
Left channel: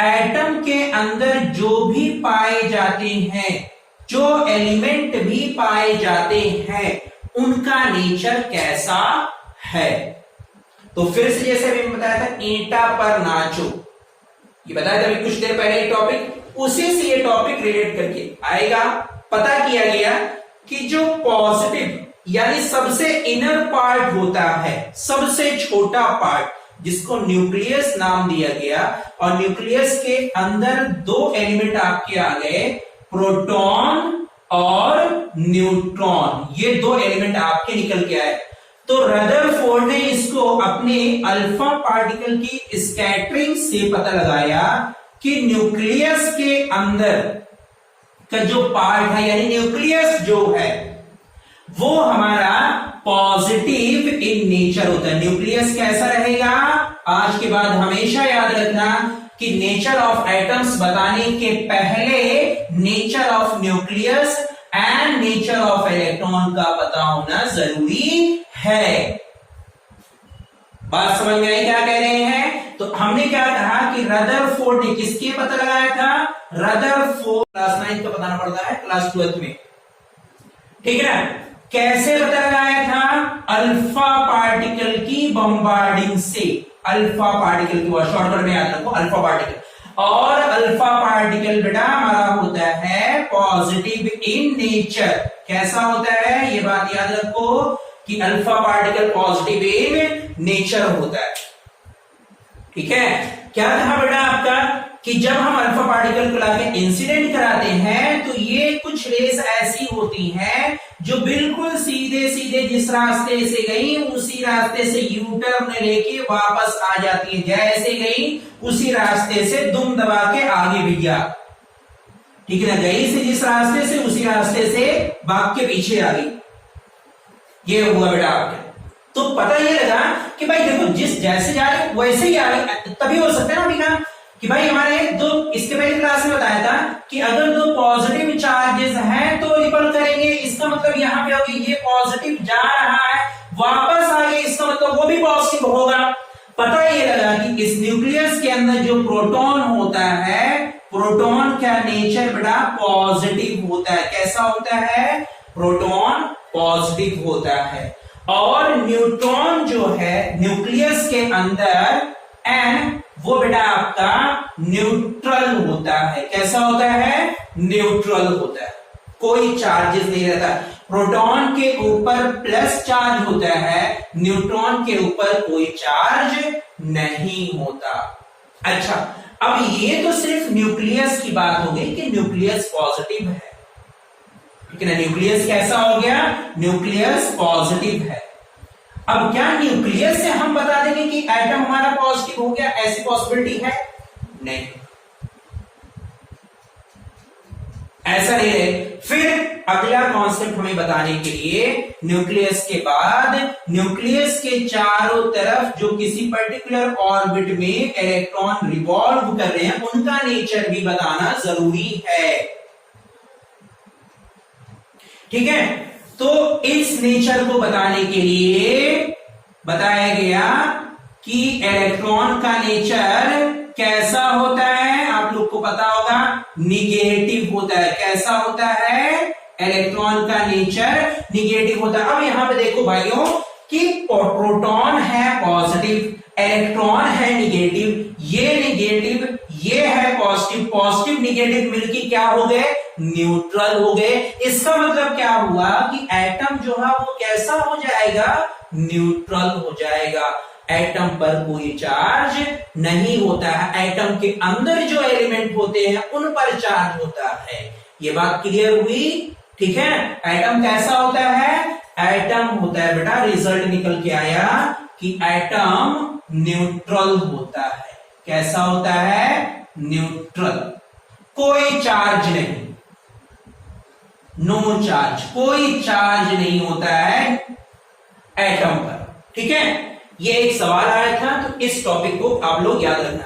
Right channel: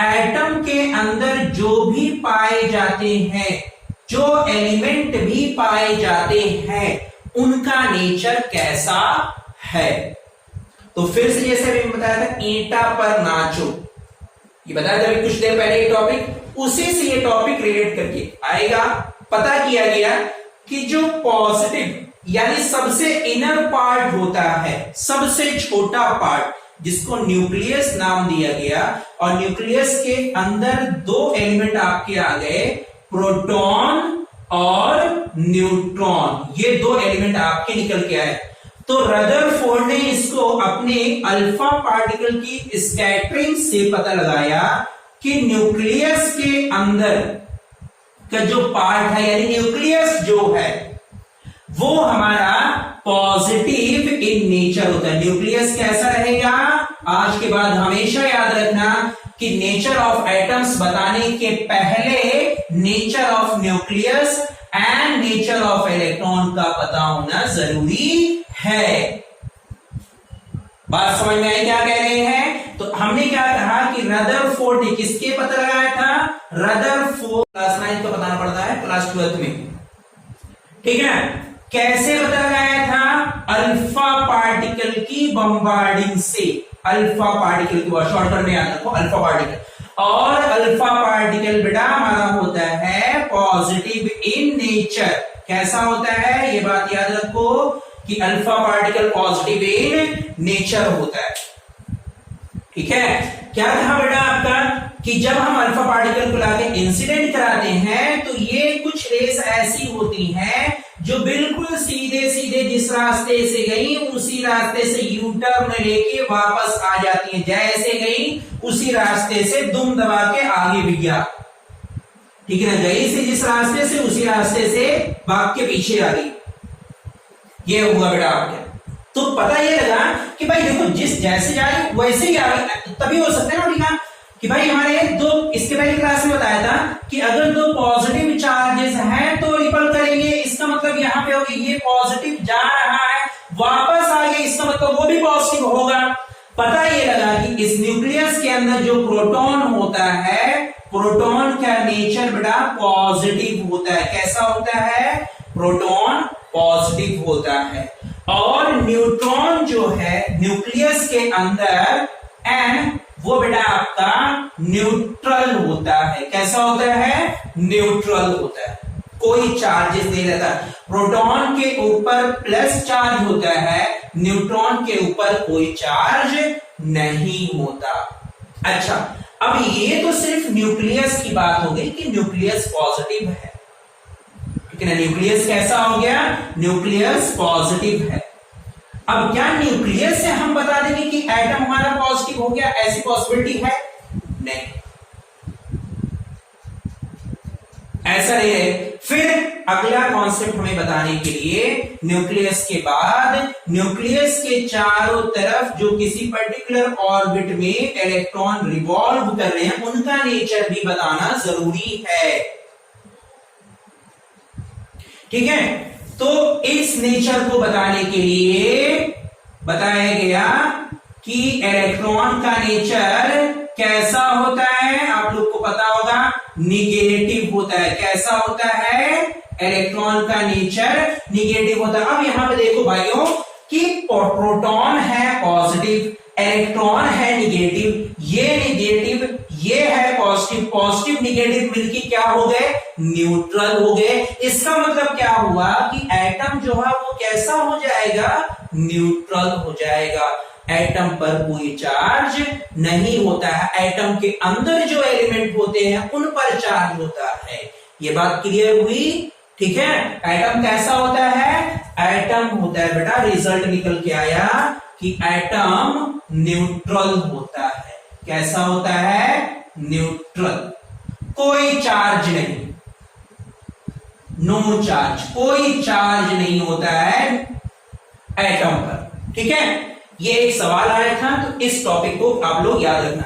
एटम के अंदर जो भी पाए जाते हैं, जो एलिमेंट भी पाए जाते हैं, उनका नेचर कैसा है। तो फिर से जैसे अभी बताया था ईंटा पर नाचो, ये बताया था अभी कुछ देर पहले टॉपिक, उसी से ये टॉपिक रिलेट करके आएगा। पता किया गया कि जो पॉजिटिव यानी सबसे इनर पार्ट होता है, सबसे छोटा पार्ट, जिसको न्यूक्लियस नाम दिया गया, और न्यूक्लियस के अंदर 2 एलिमेंट आपके आ गए, प्रोटॉन और न्यूट्रॉन, ये 2 एलिमेंट आपके निकल के आए। तो रदरफोर्ड ने इसको अपने अल्फा पार्टिकल की स्कैटरिंग से पता लगाया कि न्यूक्लियस के अंदर का जो पार्ट है, यानी न्यूक्लियस जो है वो हमारा पॉजिटिव इन नेचर होता है। न्यूक्लियस कैसा रहेगा? आज के बाद हमेशा याद रखना कि नेचर ऑफ एटम्स बताने के पहले nature of nucleus and nature of electron का पता होना जरूरी है। बात समझ में आई क्या कह रहे हैं? तो हमने क्या कहा कि रदरफोर्ड ने किसके पता लगाया था? रदरफोर्ड क्लास 9 तो बताना पड़ता है, क्लास 12 में, ठीक है ना। कैसे पता लगाया था? अल्फा पार्टिकल की बम्बार्डिंग से। अल्फा पार्टिकल की शॉर्टकट में याद रखो, अल्फा पार्टिकल। और अल्फा पार्टिकल बेटा हमारा होता है पॉजिटिव इन नेचर। कैसा होता है ये बात याद रखो कि alpha particle positive in nature होता है, ठीक है। क्या कहा बेटा आपका कि जब हम अल्फा पार्टिकल को लाके इंसिडेंट कराते हैं तो ये कुछ रेस ऐसी होती हैं जो बिल्कुल सीधे सीधे जिस रास्ते से गई उसी रास्ते से यू टर्न लेके वापस आ जाती हैं, जैसे गई उसी रास्ते से दुम दबा के आगे भी गया, ठीक है ना। गई से जिस रास्ते से उसी रास्ते से भाग के पीछे आ गई, ये हुआ बेटा आपके। तो पता ये लगा कि भाई देखो जिस जैसे जा रही वैसे ही आ रही, तभी हो सकता है ना कि भाई हमारे 2, इसके पहले क्लास में बताया था कि अगर 2 पॉजिटिव चार्जेस हैं तो रिपल करेंगे, इसका मतलब यहां पे होगी ये पॉजिटिव जा रहा है वापस आ गया, इसका मतलब वो भी पॉजिटिव होगा। पता ये लगा कि इस न्यूक्लियस के अंदर जो प्रोटॉन होता है, प्रोटॉन का नेचर बेटा पॉजिटिव होता है। कैसा होता है? प्रोटॉन पॉजिटिव होता है। और न्यूट्रॉन जो है न्यूक्लियस के अंदर एंड वो बेटा आपका न्यूट्रल होता है। कैसा होता है? न्यूट्रल होता है, कोई चार्जेस नहीं रहता। प्रोटॉन के ऊपर प्लस चार्ज होता है, न्यूट्रॉन के ऊपर कोई चार्ज नहीं होता। अच्छा, अब ये तो सिर्फ न्यूक्लियस की बात हो गई कि न्यूक्लियस पॉजिटिव है, ठीक है ना। न्यूक्लियस कैसा हो गया? न्यूक्लियस पॉजिटिव है। अब क्या न्यूक्लियस से हम बता देंगे कि एटम हमारा पॉजिटिव हो गया? ऐसी पॉसिबिलिटी है? नहीं, ऐसा नहीं है। फिर अगला कॉन्सेप्ट हमें बताने के लिए न्यूक्लियस के बाद न्यूक्लियस के चारों तरफ जो किसी पर्टिकुलर ऑर्बिट में इलेक्ट्रॉन रिवॉल्व कर रहे हैं उनका नेचर भी बताना जरूरी है। ठीक है, तो इस नेचर को बताने के लिए बताया गया कि इलेक्ट्रॉन का नेचर कैसा होता है। आप लोग को पता होगा निगेटिव होता है। कैसा होता है? इलेक्ट्रॉन का नेचर निगेटिव होता है। अब यहां पे देखो भाइयों कि प्रोटॉन है पॉजिटिव, इलेक्ट्रॉन है निगेटिव, ये निगेटिव, ये है पॉजिटिव, पॉजिटिव निगेटिव मिलके क्या हो गए? न्यूट्रल हो गए। इसका मतलब क्या हुआ कि एटम जो है वो कैसा हो जाएगा? न्यूट्रल हो जाएगा। एटम पर कोई चार्ज नहीं होता है। एटम के अंदर जो एलिमेंट होते हैं उन पर चार्ज होता है। ये बात क्लियर हुई? ठीक है, एटम कैसा होता है? एटम होता है बेटा, रिजल्ट निकल के आया कि एटम न्यूट्रल होता है। कैसा होता है? न्यूट्रल। कोई चार्ज नहीं, नो चार्ज, कोई चार्ज नहीं होता है एटम पर। ठीक है, ये एक सवाल आया था, तो इस टॉपिक को आप लोग याद रखना।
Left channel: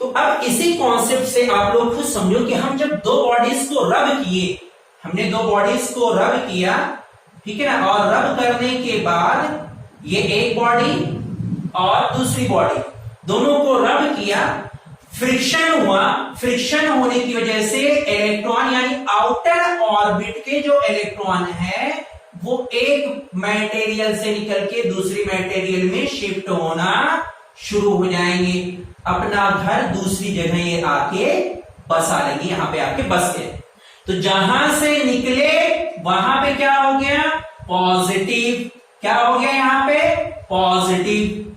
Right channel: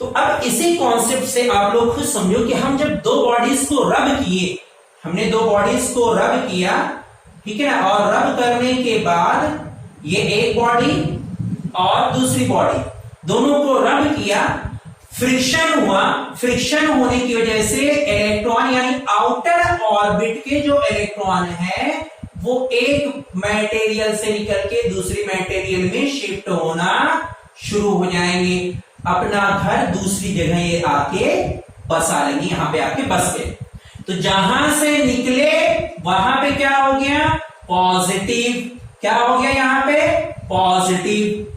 तो अब इसी कॉन्सेप्ट से आप लोग खुद समझो कि हम जब दो बॉडीज को रब किए, हमने दो बॉडीज को रब किया, ठीक है ना, और रब करने के बाद ये एक बॉडी और दूसरी बॉडी दोनों को रब किया, फ्रिक्शन हुआ। फ्रिक्शन होने की वजह से इलेक्ट्रॉन यानी आउटर ऑर्बिट के जो इलेक्ट्रॉन है वो एक मटेरियल से निकल के दूसरी मटेरियल में शिफ्ट होना शुरू हो जाएंगे। अपना घर दूसरी जगह ये आके बसा लेंगे, यहां पे आके बस गए। तो जहां से निकले वहां पे क्या हो गया? पॉजिटिव। क्या हो गया यहां पे? पॉजिटिव।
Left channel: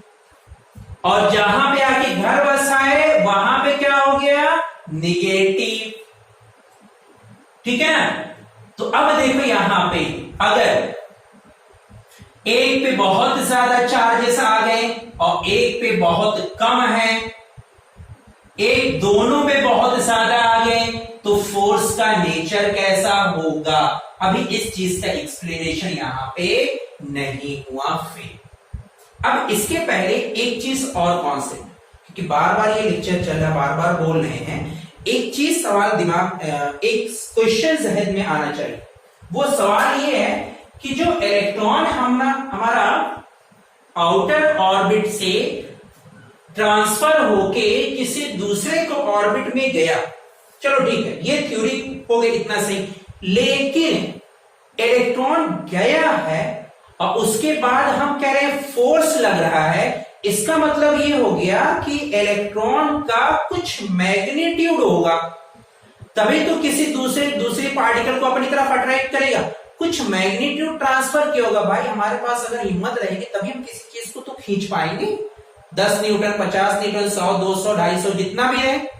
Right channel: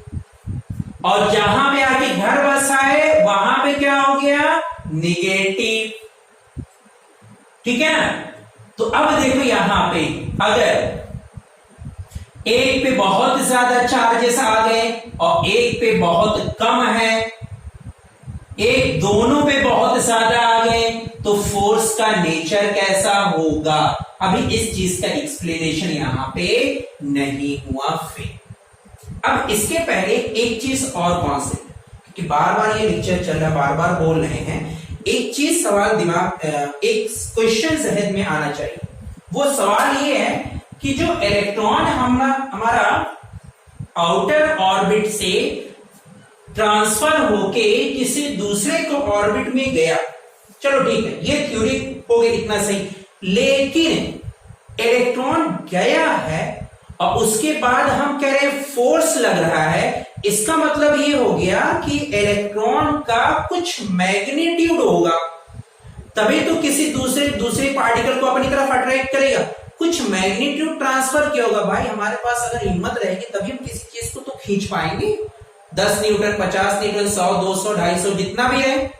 और जहां पे आके घर बसाए वहां पे क्या हो गया? निगेटिव। ठीक है ना? तो अब देखो यहां पे अगर एक पे बहुत ज्यादा चार्जेस आ गए और एक पे बहुत कम है, एक दोनों पे बहुत ज्यादा आ गए, तो फोर्स का नेचर कैसा होगा? अभी इस चीज का एक्सप्लेनेशन यहां पे नहीं हुआ। फिर अब इसके पहले एक चीज और कॉन्सेप्ट, क्योंकि बार बार ये लेक्चर चल रहा है, बार बार बोल रहे हैं, एक चीज सवाल दिमाग, एक क्वेश्चन जहन में आना चाहिए। वो सवाल ये है कि जो इलेक्ट्रॉन हमारा आउटर ऑर्बिट से ट्रांसफर होके किसी दूसरे को ऑर्बिट में गया, चलो ठीक है, ये थ्योरी हो गई, इतना सही। लेकिन इलेक्ट्रॉन गया है और उसके बाद हम कह रहे हैं फोर्स लग रहा है, इसका मतलब ये हो गया कि इलेक्ट्रॉन का कुछ मैग्नीट्यूड होगा, तभी तो किसी दूसरे पार्टिकल को अपनी तरफ अट्रैक्ट करेगा। कुछ मैग्नीट्यूड ट्रांसफर किया होगा। भाई हमारे पास अगर हिम्मत रहेगी तभी हम किसी चीज को तो खींच पाएंगे। 10 न्यूटन, 50 न्यूटन, 100, 200, 250 जितना भी है,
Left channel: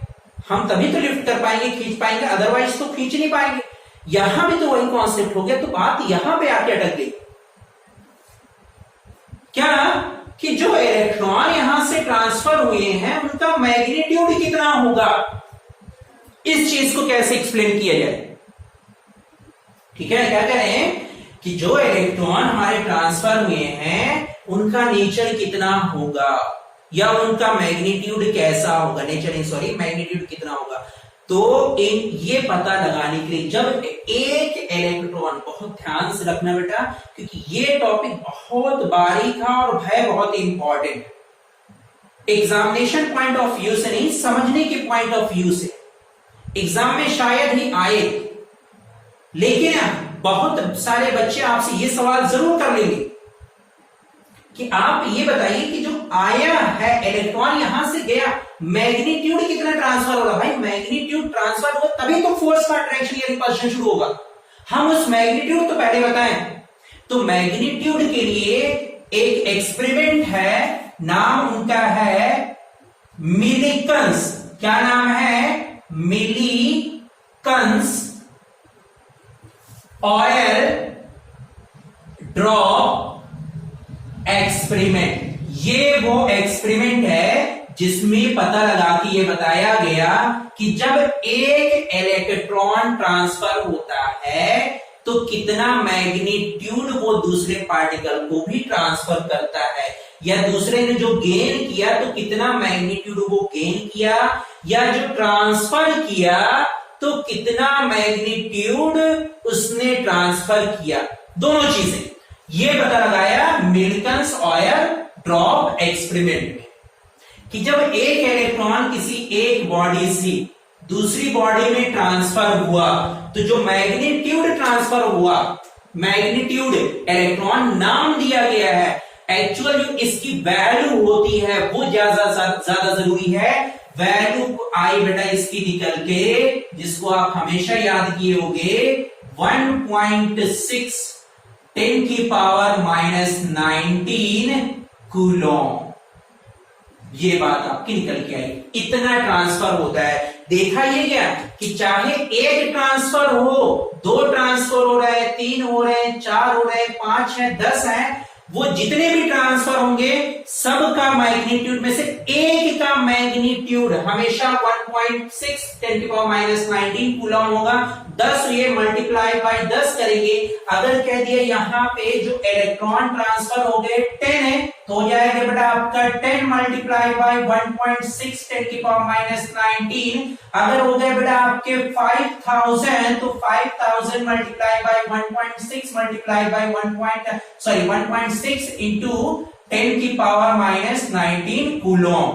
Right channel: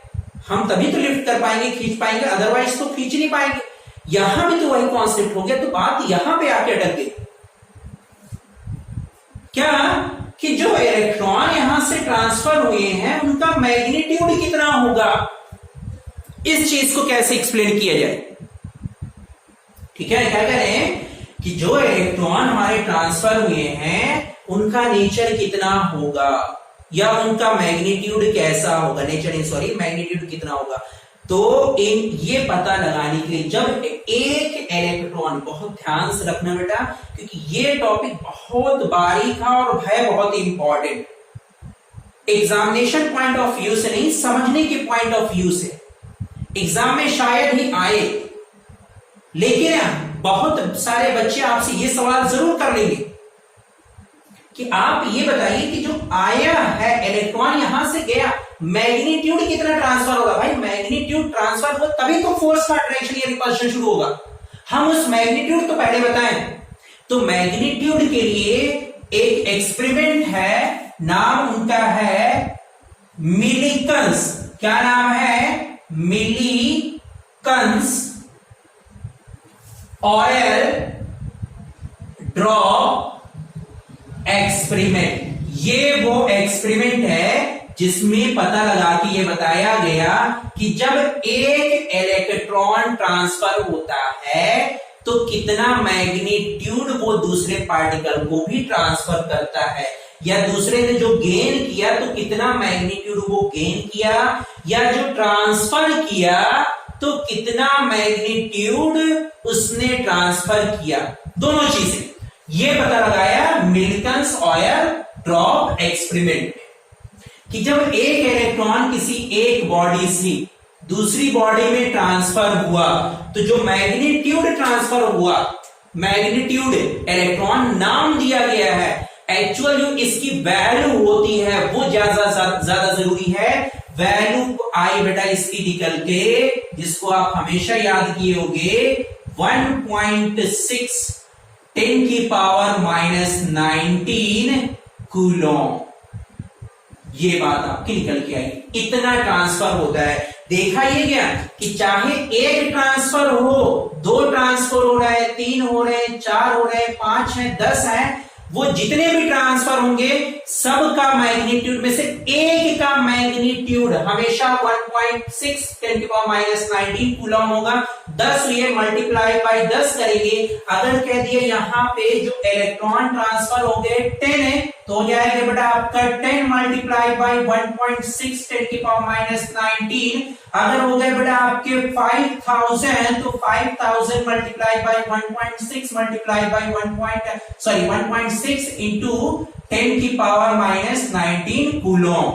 हम तभी तो लिफ्ट कर पाएंगे, खींच पाएंगे, अदरवाइज तो खींच नहीं पाएंगे। यहां भी तो वही कॉन्सेप्ट हो गया। तो बात यहां पे आके अटक गई क्या कि जो इलेक्ट्रॉन यहां से ट्रांसफर हुए हैं उनका मैग्नीट्यूड कितना होगा, इस चीज को कैसे एक्सप्लेन किया जाए। ठीक है, क्या कह रहे हैं कि जो इलेक्ट्रॉन हमारे ट्रांसफर हुए हैं उनका नेचर कितना होगा या उनका मैग्नीट्यूड कैसा होगा, मैग्नीट्यूड कितना होगा। तो ये पता लगाने के लिए जब एक इलेक्ट्रॉन, बहुत ध्यान से रखना बेटा, क्योंकि ये टॉपिक बहुत बारीक है और है बहुत important, examination point of view से नहीं, समझने के पॉइंट ऑफ व्यू से। एग्जाम में शायद ही आए, लेकिन बहुत सारे बच्चे आपसे ये सवाल जरूर कर लेंगे कि आप ये बताइए कि जो आया है इलेक्ट्रॉन यहां से गया, मैग्नीट्यूड कितना ट्रांसफर होगा। भाई मैग्नीट्यूड ट्रांसफर होगा तभी तो फोर्स का अट्रैक्शन या रिपल्शन शुरू होगा। हम उस मैग्नीट्यूड तो पहले बताएं। तो मैग्नीट्यूड के लिए एक एक्सपेरिमेंट है, नाम उनका है मिलीकन्स। क्या नाम है? मिलीकन्स ऑयल ड्रॉप एक्सपेरिमेंट। ये वो एक्सपेरिमेंट है जिसमें पता लगा कि ये बताया गया कि जब एक इलेक्ट्रॉन ट्रांसफर होता है तो कितना मैग्नीट्यूड वो दूसरे पार्टिकल को भी ट्रांसफर करता है, या दूसरे ने जो गेन किया तो कितना मैग्नीट्यूड वो गेन किया, या जो ट्रांसफर किया तो कितना मैग्नीट्यूड उसने ट्रांसफर किया। दोनों चीजें ये पता लगाया मिल्टन्स ऑयल ड्रॉप एक्सपेरिमेंट में कि जब एक इलेक्ट्रॉन किसी एक बॉडी से दूसरी बॉडी में ट्रांसफर हुआ तो जो मैग्नीट्यूड ट्रांसफर हुआ, मैग्नीट्यूड इलेक्ट्रॉन नाम दिया गया है, एक्चुअल जो इसकी वैल्यू होती है वो ज्यादा जरूरी है। वैल्यू आई बेटा इसकी निकल के, जिसको आप हमेशा याद किए होंगे, 1.6 10 की पावर -19 कूलॉम। ये बात आपकी निकल के आई, इतना ट्रांसफर होता है। देखा ये गया कि चाहे एक ट्रांसफर हो, दो ट्रांसफर हो रहा है, 3 हो रहे हैं, 4 हो रहे हैं, 5 है, 10 है, वो जितने भी ट्रांसफर होंगे सबका मैग्नीट्यूड में से एक का मैग्नीट्यूड हमेशा 1.6 10 की पावर -19 कूलम होगा। 10 ये मल्टीप्लाई बाय 10 करेंगे। अगर कह दिए यहां पे जो इलेक्ट्रॉन ट्रांसफर हो गए 10 है तो हो जाएगा बेटा आपका 10 मल्टीप्लाई बाय 1.6 10 की पावर -19। अगर हो गए बेटा आपके 5000 तो 5000 multiply by 1.6 multiply by 1.6 into 10 की पावर -19 कूलॉम।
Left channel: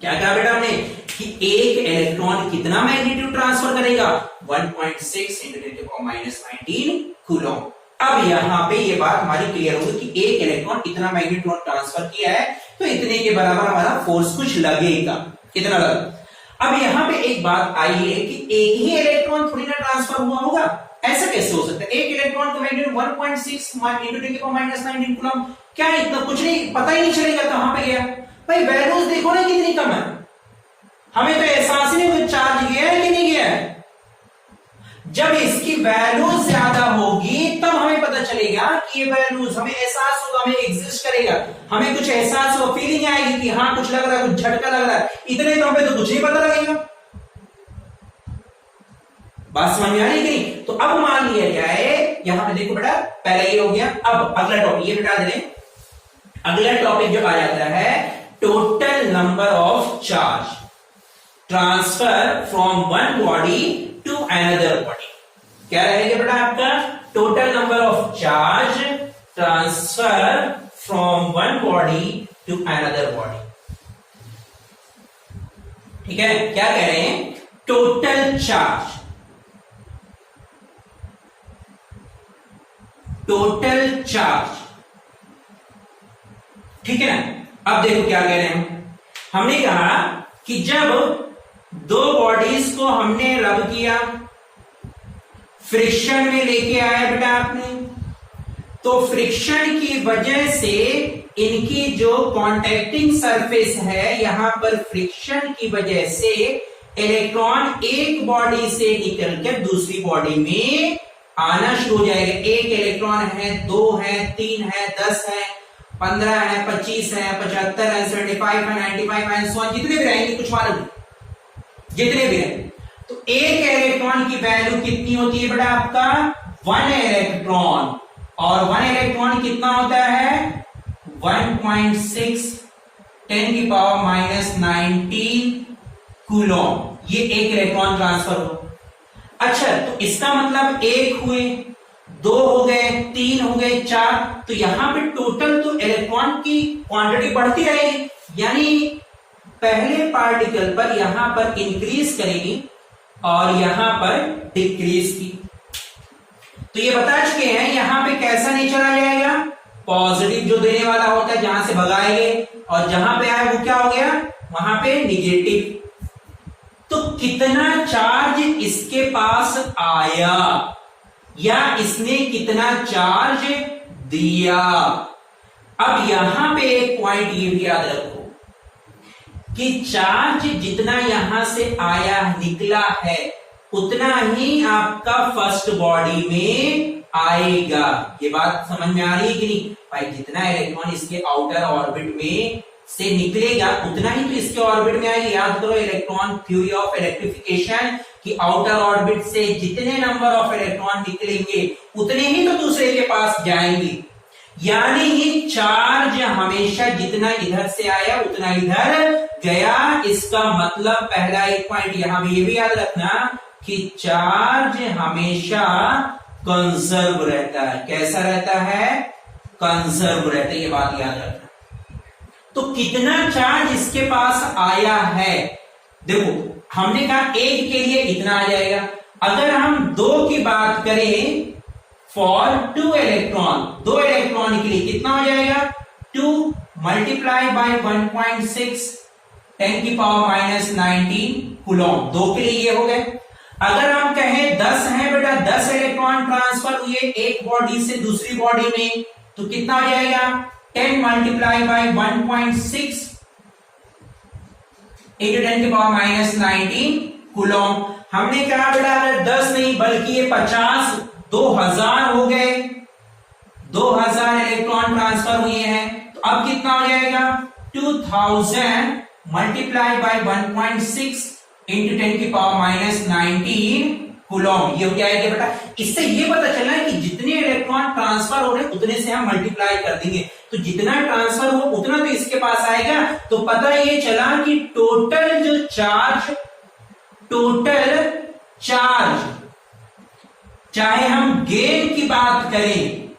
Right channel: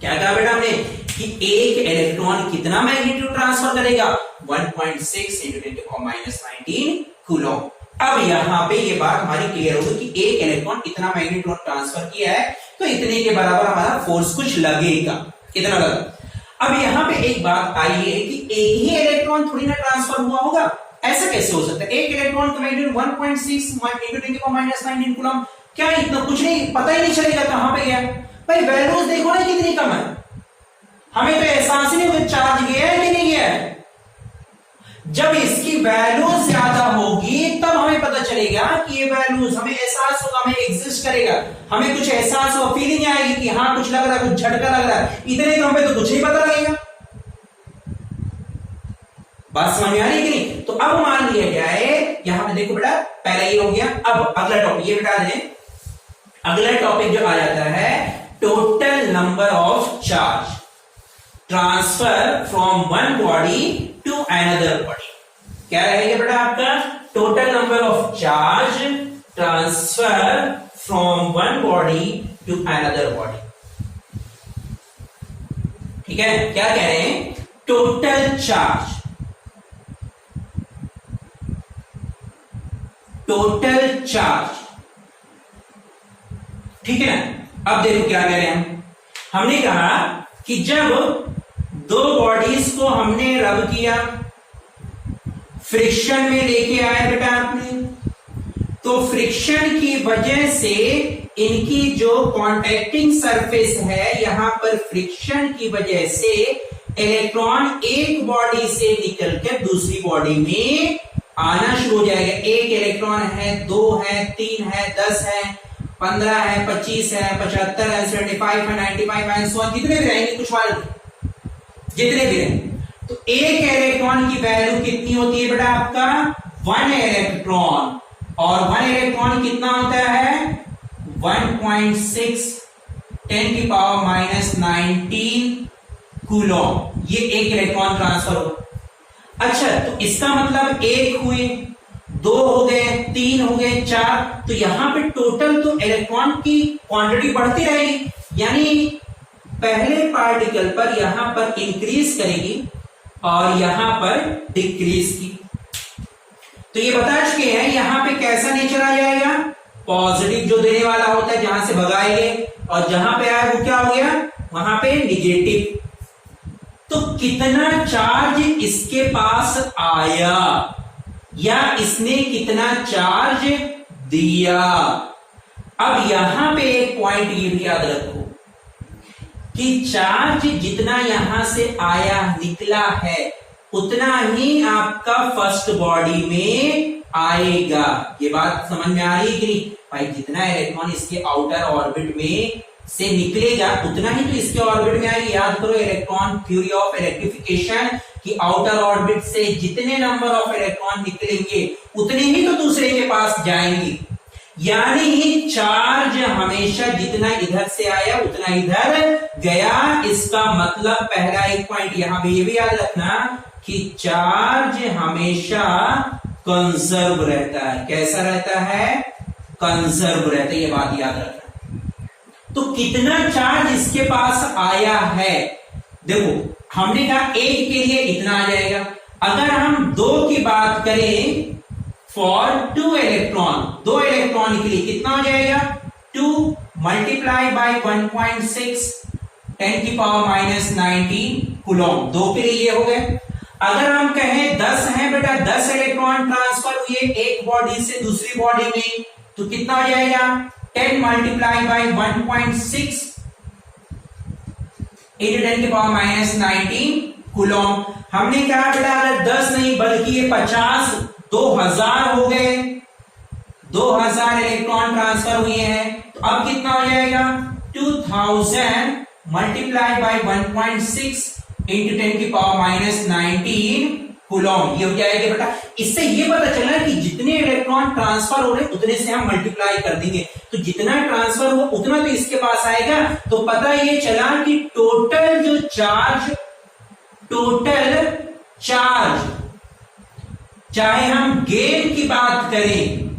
क्या कहा बेटा हमने कि एक इलेक्ट्रॉन कितना मैग्नीट्यूड ट्रांसफर करेगा, 1.6 इंटू 10 की पावर -19 कूलॉम। अब यहां पे ये बात हमारी क्लियर होगी कि एक इलेक्ट्रॉन इतना मैग्नीट्यूड ट्रांसफर किया है तो इतने के बराबर हमारा फोर्स कुछ लगेगा, कितना लगेगा। अब यहां पे एक बात आई है कि एक ही इलेक्ट्रॉन थोड़ी ना ट्रांसफर हुआ होगा, ऐसा कैसे हो सकता है। एक इलेक्ट्रॉन का मैग्नीट्यूड 1.6 इंटू 10 की पावर -19 कूलम, क्या इतना कुछ नहीं, पता ही नहीं चलेगा कहां पे गया। भाई वैल्यूज देखो ना कितनी कम है, हमें तो एहसास ही नहीं चार्ज गया है कि नहीं गया है। जब इसकी वैल्यूज ज्यादा होगी तब हमें पता चलेगा कि ये वैल्यूज, हमें एहसास होगा, हमें एग्जिस्ट करेगा, हमें कुछ एहसास होगा, फीलिंग आएगी कि हाँ कुछ लग रहा है, कुछ झटका लग रहा है। इतने तो हमें तो कुछ नहीं पता लगेगा। बात समझ में आ रही कि नहीं। तो अब मान लिया जाए, यहां पे देखो बेटा पहला ये हो गया। अब अगला टॉपिक ये बिठा दें, अगला टॉपिक जो आ जाता है total number of charge transfer from one body to another body. क्या रहेगा बेटा आपका, total number of charge transfer from one body to another body. ठीक है, क्या कह रहे हैं, टोटल चार्ज, टोटल चार्ज। ठीक है ना। अब देखो क्या कह रहे हैं, हमने कहा कि जब दो बॉडीज को हमने रब किया, फ्रिक्शन में लेके आया बेटा आपने, तो फ्रिक्शन की वजह से इनकी जो कॉन्टैक्टिंग सरफेस है, यहां पर फ्रिक्शन की वजह से इलेक्ट्रॉन एक बॉडी से निकलकर दूसरी बॉडी में आना शुरू हो जाएगा। एक इलेक्ट्रॉन है, 2 है, 3 है, 10 है, 15 है, 25 है, 75 है, 75 है, 95 है, जितने भी रहेंगे कुछ मालूम जितने भी हैं। तो एक इलेक्ट्रॉन की वैल्यू कितनी होती है बेटा आपका, 1 इलेक्ट्रॉन, और 1 इलेक्ट्रॉन कितना होता है, 1.6 10 की पावर -19 कूलॉम। ये एक इलेक्ट्रॉन ट्रांसफर हो। अच्छा, तो इसका मतलब 1 हुए, 2 हो गए, 3 हो गए, 4, तो यहां पे टोटल तो इलेक्ट्रॉन की क्वांटिटी बढ़ती रहेगी, यानी पहले पार्टिकल पर यहां पर इंक्रीज करेगी और यहां पर डिक्रीज की। तो ये बता चुके हैं यहां पे कैसा नेचर आ जाएगा, पॉजिटिव जो देने वाला होता है, जहां से भगाएंगे, और जहां पे आया वो क्या हो गया, वहां पे निगेटिव। तो कितना चार्ज इसके पास आया या इसने कितना चार्ज दिया। अब यहां पे एक पॉइंट ये भी याद रखो कि चार्ज जितना यहां से आया निकला है उतना ही आपका फर्स्ट बॉडी में आएगा। ये बात समझ में आ रही है कि नहीं भाई, जितना इलेक्ट्रॉन इसके आउटर ऑर्बिट में से निकलेगा उतना ही तो इसके ऑर्बिट में आएगी। याद करो इलेक्ट्रॉन थ्योरी ऑफ इलेक्ट्रिफिकेशन कि आउटर ऑर्बिट से जितने नंबर ऑफ इलेक्ट्रॉन निकलेंगे उतने ही तो दूसरे के पास जाएंगे, यानी ये चार्ज हमेशा जितना इधर से आया उतना इधर गया। इसका मतलब पहला एक पॉइंट यहां भी ये भी याद रखना कि चार्ज हमेशा कंजर्व रहता है। कैसा रहता है? कंजर्व रहता है, ये बात याद रखना। तो कितना चार्ज इसके पास आया है, देखो हमने कहा एक के लिए इतना आ जाएगा। अगर हम दो की बात करें फॉर 2 इलेक्ट्रॉन, 2 इलेक्ट्रॉन के लिए कितना हो जाएगा? 2 मल्टीप्लाई बाय 1.6 10⁻⁻19 कूलम, 2 के लिए ये हो गए। अगर हम कहें 10 है बेटा, 10 इलेक्ट्रॉन ट्रांसफर हुए एक बॉडी से दूसरी बॉडी में, तो कितना हो जाएगा? 10 मल्टीप्लाई बाय 1.6 into 10⁻⁻19 कूलम। हमने कहा बेटा अगर 10 नहीं बल्कि ये 50 2000 हो गए, 2000 इलेक्ट्रॉन ट्रांसफर हुए हैं, तो अब कितना हो जाएगा? 2000 मल्टीप्लाई बाय 1.6 into 10⁻⁻19 कूलम। ये क्या है बेटा? इससे ये पता चला कि जितने इलेक्ट्रॉन ट्रांसफर हो रहे उतने से हम मल्टीप्लाई कर देंगे, तो जितना ट्रांसफर हो उतना तो इसके पास आएगा। तो पता ये चला कि टोटल चार्ज चाहे हम गेन की बात करें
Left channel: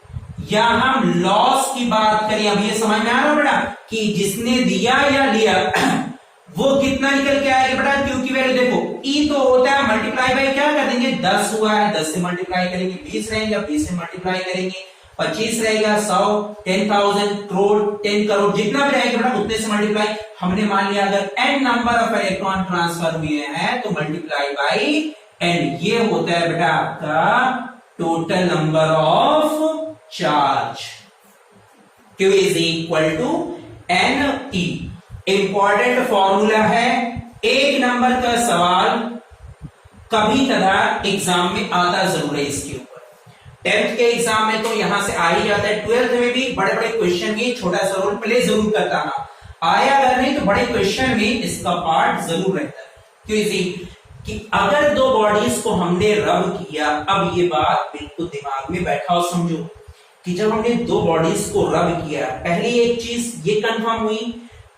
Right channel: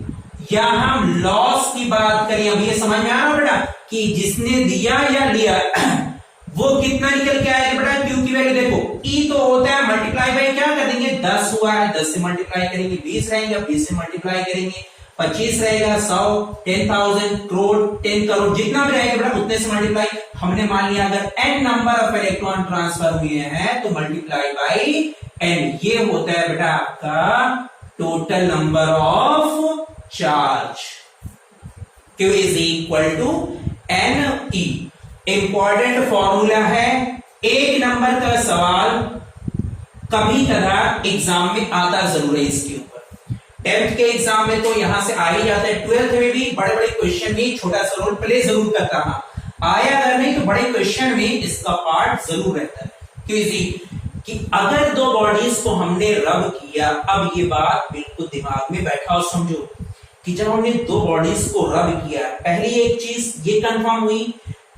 या हम लॉस की बात करें, अब ये समझ में आ रहा बेटा कि जिसने दिया या लिया वो कितना निकल के आएगा बेटा? क्यू की वैल्यू देखो, ई तो होता है मल्टीप्लाई बाय क्या कर देंगे? 10 हुआ है, 10 से मल्टीप्लाई करेंगे, 20 रहेगा, 20 से मल्टीप्लाई करेंगे, 25 रहेगा, 100, 10,000, करोड़, 10 करोड़, जितना भी रहेगा बेटा उतने से मल्टीप्लाई। हमने मान लिया अगर n number of electron transfer हुए हैं तो मल्टीप्लाई बाई n, ये होता है बेटा आपका total number of charge. Q is equal to NE। Important formula है, एक नंबर का सवाल कभी कदा एग्जाम में आता जरूर है इसके ऊपर। 10th के एग्जाम में तो यहां से आ ही जाता है, 12th में भी बड़े बड़े क्वेश्चन में छोटा सा रोल प्ले जरूर करता है। आया अगर नहीं तो बड़े क्वेश्चन में इसका पार्ट जरूर रहता है। क्यों कि अगर दो बॉडीज को हमने रब किया, अब ये बात बिल्कुल दिमाग में बैठा और समझो कि जब हमने दो बॉडीज को रब किया, पहली एक चीज ये कंफर्म हुई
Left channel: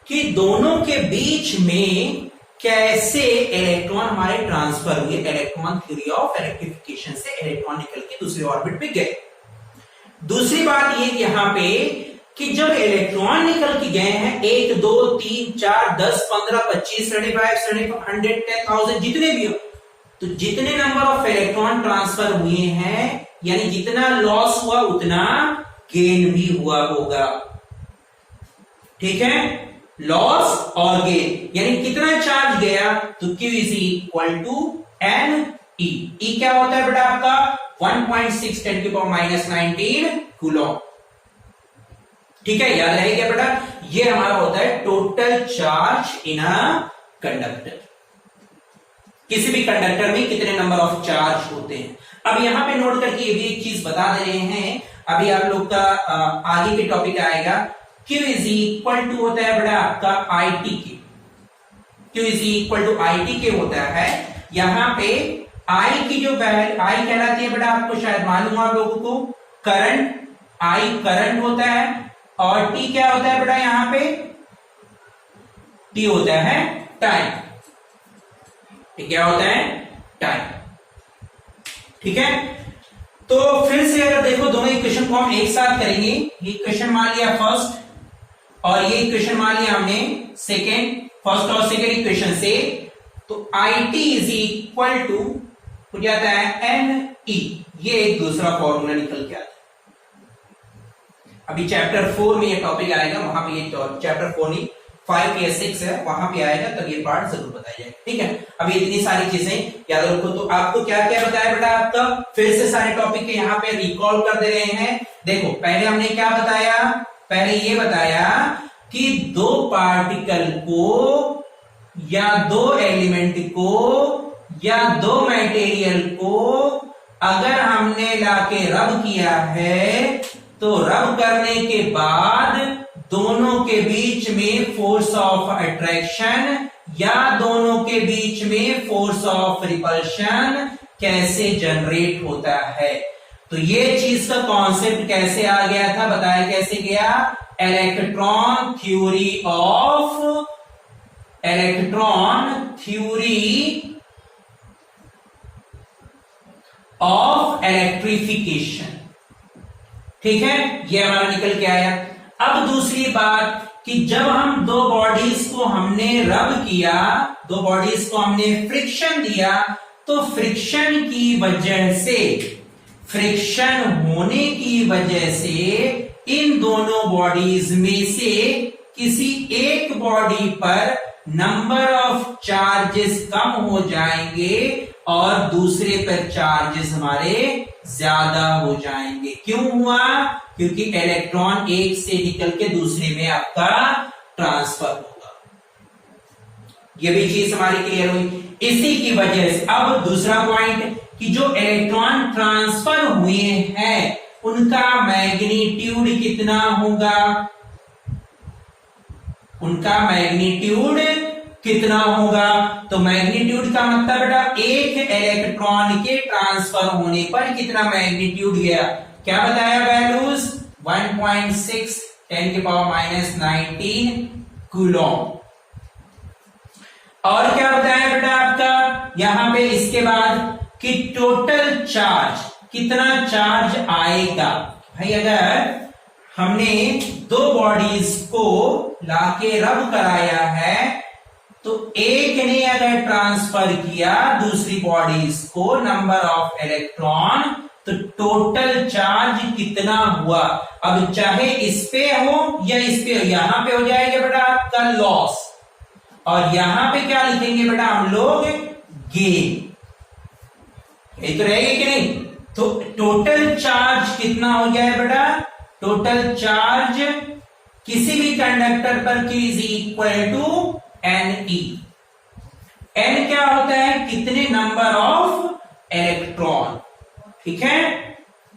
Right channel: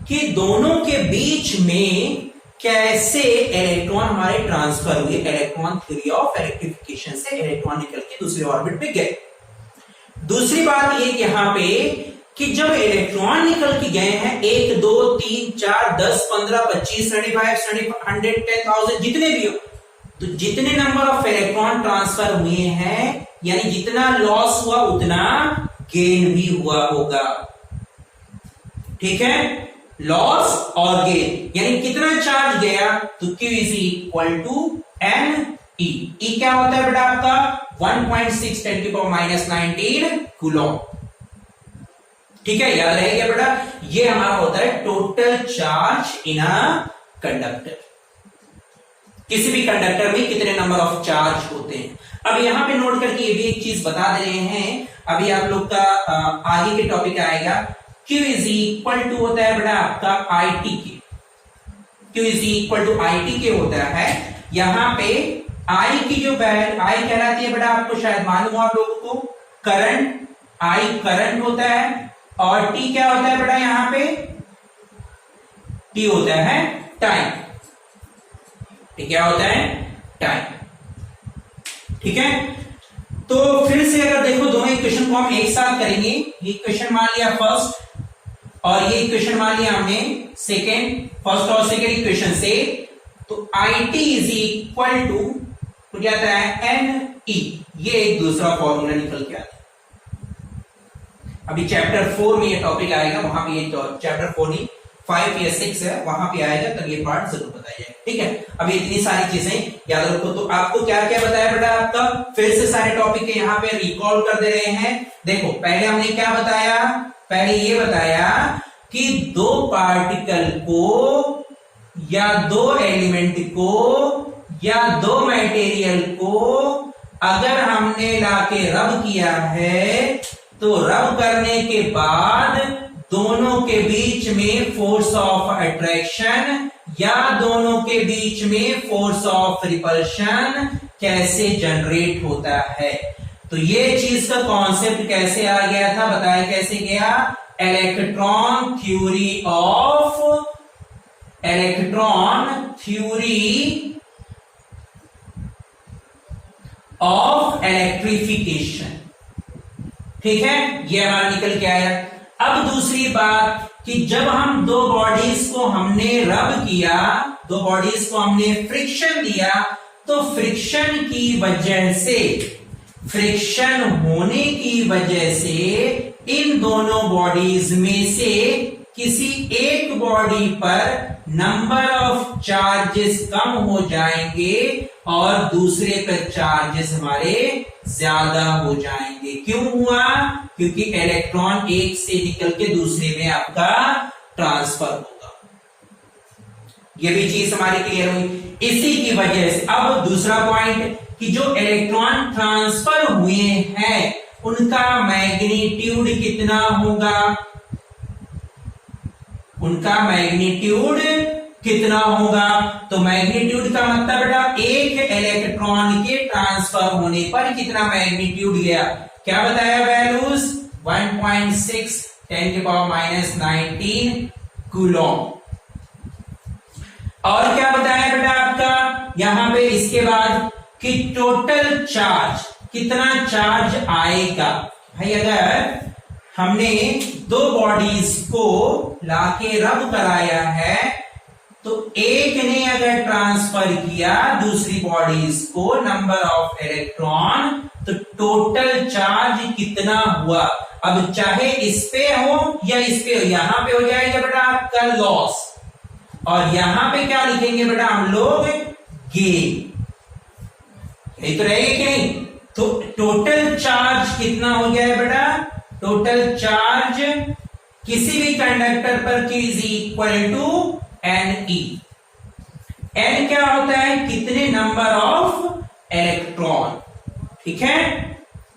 कि दोनों के बीच में कैसे इलेक्ट्रॉन हमारे ट्रांसफर हुए। इलेक्ट्रॉन थ्योरी ऑफ इलेक्ट्रिफिकेशन से इलेक्ट्रॉन निकल के दूसरे ऑर्बिट पे गए। दूसरी बात ये यहां पे कि जब इलेक्ट्रॉन निकल के गए हैं 1 2 3 4 10 15 25 75 100 10,000 जितने भी हो, तो जितने नंबर ऑफ इलेक्ट्रॉन ट्रांसफर हुए हैं यानी जितना लॉस हुआ उतना गेन भी हुआ होगा। ठीक है, लॉस और गेन यानी कितना चार्ज गया, तो Q is equal to NE। E क्या होता है बेटा आपका 1.6 10⁻⁻19 कूलम। ठीक है, याद रहेगा बेटा, ये हमारा होता है total charge in a conductor. किसी भी कंडक्टर में कितने नंबर ऑफ चार्ज होते हैं। अब यहां पे नोट करके ये भी एक चीज बता दे रहे हैं, अभी आप लोग का आगे के टॉपिक आएगा। Q इज इक्वल टू होता है बेटा आपका ITK। Q is equal to ITK होता है। यहां पे I की जो वैल्यू I कहलाती है बेटा, आपको शायद मालूम हो आप लोगों को, करंट। I करंट होता है और T क्या होता है बेटा, यहां पे T होता है टाइम। क्या होता है? टाइम। ठीक है, तो फिर से अगर देखो दोनों इक्वेशन को हम एक साथ करेंगे, ये इक्वेशन मान लिया फर्स्ट और ये इक्वेशन मान लिया हमने सेकेंड, फर्स्ट और सेकेंड इक्वेशन से, तो IT इज इक्वल टू हो जाता है NE। ये एक दूसरा फॉर्मूला निकल के आता है। अभी चैप्टर 4 में ये टॉपिक आएगा, वहां पे ये चैप्टर 4 नहीं 5 या 6 है, वहां पे आएगा, तब ये पार्ट जरूर बताया जाएगा। ठीक है, अभी इतनी सारी चीजें याद रखो। तो आपको क्या क्या बताया बेटा आपका, फिर से सारे टॉपिक के यहाँ पे रिकॉल कर दे रहे हैं। देखो पहले हमने क्या बताया, पहले ये बताया कि दो पार्टिकल को या दो एलिमेंट को या दो मटेरियल को अगर हमने लाके रब किया है तो रब करने के बाद दोनों के बीच में फोर्स ऑफ अट्रैक्शन या दोनों के बीच में फोर्स ऑफ रिपल्शन कैसे जनरेट होता है। तो ये चीज का कॉन्सेप्ट कैसे आ गया था, बताया कैसे गया, इलेक्ट्रॉन थ्योरी ऑफ इलेक्ट्रिफिकेशन। ठीक है, ये हमारा निकल के आया। अब दूसरी बात कि जब हम दो बॉडीज को हमने रब किया, दो बॉडीज को हमने फ्रिक्शन दिया, तो फ्रिक्शन की वजह से, फ्रिक्शन होने की वजह से इन दोनों बॉडीज में से किसी एक बॉडी पर नंबर ऑफ चार्जेस कम हो जाएंगे और दूसरे पर चार्जेस हमारे ज्यादा हो जाएंगे। क्यों हुआ? क्योंकि इलेक्ट्रॉन एक से निकल के दूसरे में आपका ट्रांसफर होगा। ये भी चीज हमारी क्लियर हुई। इसी की वजह से अब दूसरा पॉइंट कि जो इलेक्ट्रॉन ट्रांसफर हुए हैं उनका मैग्नीट्यूड कितना होगा, उनका मैग्नीट्यूड कितना होगा। तो मैग्नीट्यूड का मतलब बेटा एक इलेक्ट्रॉन के ट्रांसफर होने पर कितना मैग्नीट्यूड गया, क्या बताया वैल्यूज, 1.6 10⁻⁻19 कूलॉम। और क्या बताया बेटा आपका यहां पे इसके बाद कि टोटल चार्ज, कितना चार्ज आएगा। भाई अगर हमने दो बॉडीज को लाके रब कराया है तो एक ने अगर ट्रांसफर किया दूसरी बॉडीज को नंबर ऑफ इलेक्ट्रॉन, तो टोटल चार्ज कितना हुआ। अब चाहे इस पे हो या इस पे हो, यहां पे हो जाएगा बेटा आपका लॉस और यहां पे क्या लिखेंगे बेटा हम लोग, गेन। यही तो रहेगा कि नहीं। तो टोटल चार्ज कितना हो गया है बेटा, टोटल चार्ज किसी भी कंडक्टर पर Q is equal to NE। N क्या होता है, कितने नंबर ऑफ इलेक्ट्रॉन। ठीक है,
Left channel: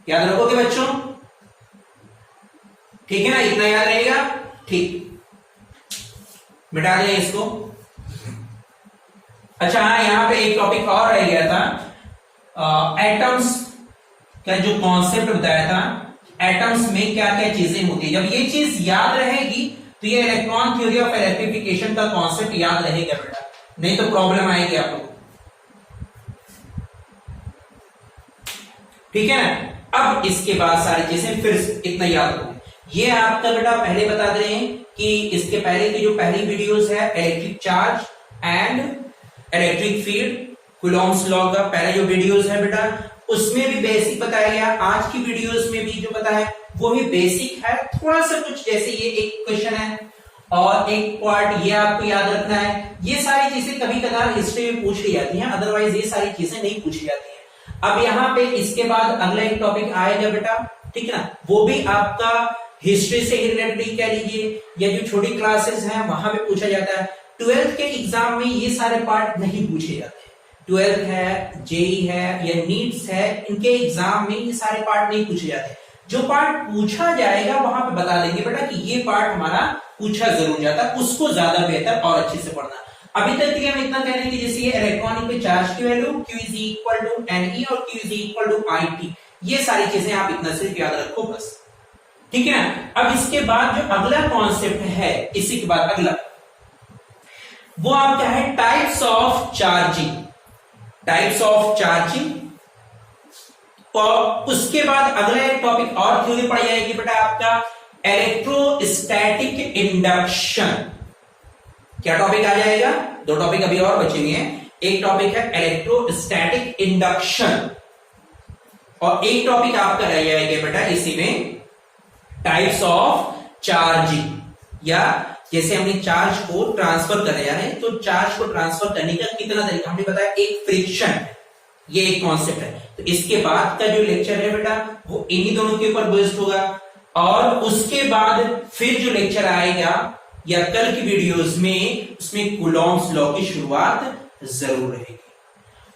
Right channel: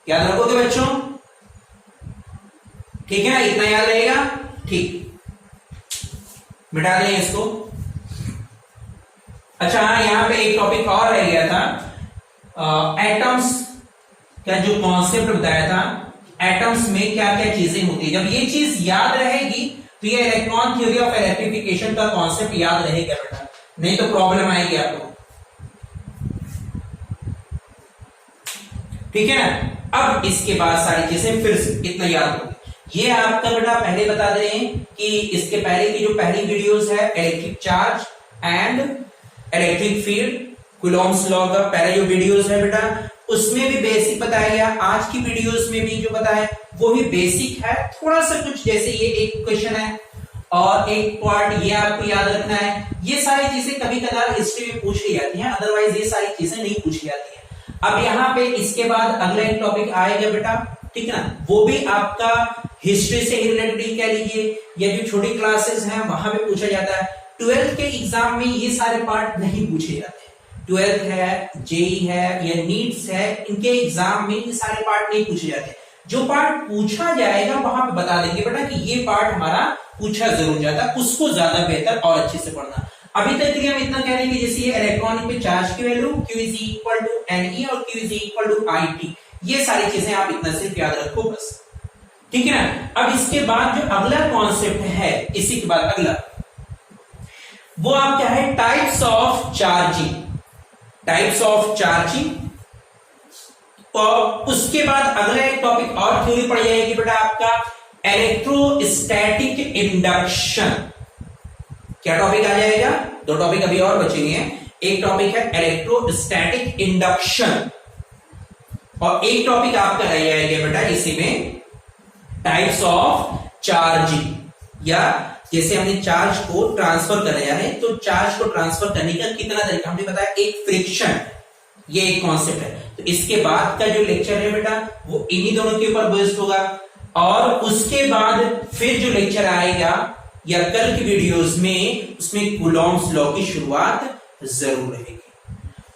याद रखोगे बच्चों, ठीक है ना, इतना याद रहेगा। ठीक, मिटा दें इसको। अच्छा हाँ, यहां पे एक टॉपिक और रह गया था, एटम्स का जो कॉन्सेप्ट बताया था, एटम्स में क्या क्या चीजें होती है। जब ये चीज याद रहेगी तो ये इलेक्ट्रॉन थ्योरी ऑफ इलेक्ट्रिफिकेशन का कॉन्सेप्ट याद रहेगा बेटा, नहीं तो प्रॉब्लम आएगी आपको। ठीक है ना। अब इसके बाद सारी चीजें फिर से इतना याद होगी। ये आपका बेटा पहले बता दे रहे हैं कि इसके पहले की जो पहली वीडियोस है electric charge and electric field, Coulomb's law का पहले जो वीडियोस है बेटा उसमें भी बेसिक बताया गया। आज की वीडियोस में भी जो बताया वो भी बेसिक है, थोड़ा सा कुछ जैसे ये एक क्वेश्चन है और एक पार्ट ये आपको याद रखना है। ये सारी चीजें कभी कभार हिस्ट्री में पूछ ली जाती हैं, अदरवाइज ये सारी चीजें नहीं पूछी जाती हैं। अब यहाँ पे इसके बाद अगला एक टॉपिक आएगा बेटा, ठीक है ना, वो भी आपका हिस्ट्री से रिलेटेड कह लीजिए या जो छोटी क्लासेस हैं वहां पे पूछा जाता है। 12th के एग्जाम में ये सारे पार्ट नहीं पूछे जाते। 12th है, जेई है या नीट्स है, इनके एग्जाम में ये सारे पार्ट नहीं पूछे जाते। जो पार्ट पूछा जाएगा वहां पे बता देंगे बेटा कि ये पार्ट हमारा पूछा जरूर जाता है, उसको ज्यादा बेहतर और अच्छे से पढ़ना। अभी तक हम इतना कह रहे हैं कि जैसे ये इलेक्ट्रॉनिक पे चार्ज की value Q is equal to NE और Q is equal to IT, ये सारी चीजें आप इतना सिर्फ याद रखो बस, ठीक है ना। अब इसके बाद जो अगला कॉन्सेप्ट है, इसी के बाद अगला वो आपका है types of charging, types of charging. और उसके बाद अगला एक टॉपिक और थ्योरी पड़ जाएगी बेटा आपका इलेक्ट्रोस्टैटिक इंडक्शन। क्या टॉपिक आ जाएगा, दो टॉपिक अभी और बचेंगे। एक टॉपिक है इलेक्ट्रोस्टैटिक इंडक्शन और एक टॉपिक आपका रह जाएगा बेटा इसी में टाइप्स ऑफ चार्जिंग, या जैसे हमने चार्ज को ट्रांसफर करने जा रहे हैं तो चार्ज को ट्रांसफर करने का कितना तरीका हमने बताया, एक फ्रिक्शन, ये एक कॉन्सेप्ट है। तो इसके बाद का जो लेक्चर है बेटा वो इन्हीं दोनों के ऊपर बेस्ड होगा और उसके बाद फिर जो लेक्चर आएगा या कल की वीडियोस में उसमें कूलॉम्स लॉ की शुरुआत जरूर रहेगी।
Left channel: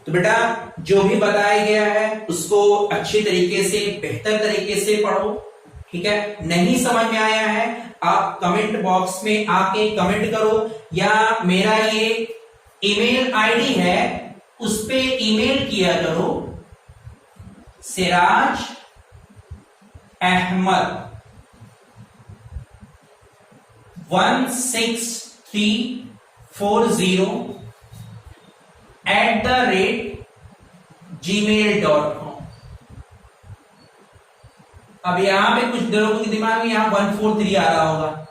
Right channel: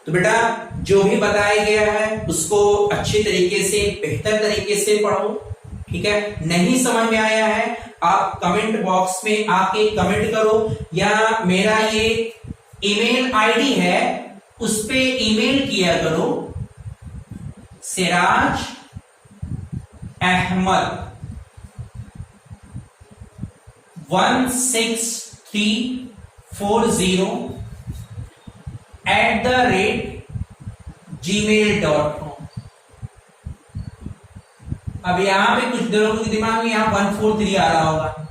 तो बेटा जो भी बताया गया है उसको अच्छी तरीके से, बेहतर तरीके से पढ़ो, ठीक है, नहीं समझ में आया है आप कमेंट बॉक्स में आके कमेंट करो, या मेरा ये ईमेल आईडी है उस पे ईमेल किया करो, सिराज अहमद 16340@gmail.com। अब यहां पे कुछ लोगों के दिमाग में यहां 143 आ रहा होगा,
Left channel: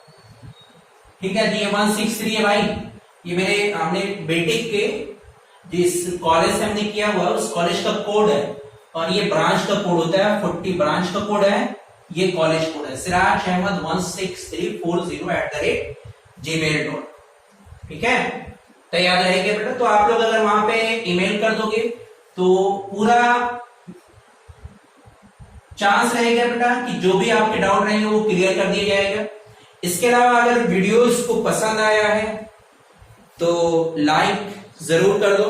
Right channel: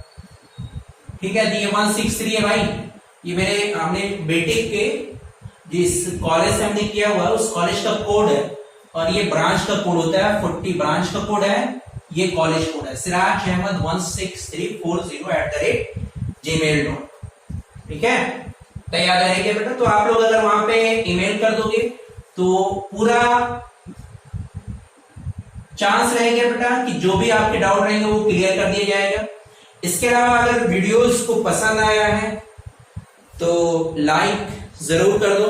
ठीक है, तो ये 163 है भाई, ये मेरे हमने बेटे के जिस कॉलेज से हमने किया हुआ है उस कॉलेज का कोड है, और ये ब्रांच का कोड होता है 40 ब्रांच का कोड है, ये कॉलेज कोड है सिराज अहमद 16340@gmail.com। ठीक है, तो याद रहेगा बेटा। तो आप लोग अगर वहां पे ईमेल कर दोगे तो पूरा चांस रहेगा बेटा कि जो भी आपके डाउट रहेंगे वो क्लियर कर दिया जाएगा। इसके अलावा अगर वीडियोस को पसंद आया है तो लाइक जरूर कर दो,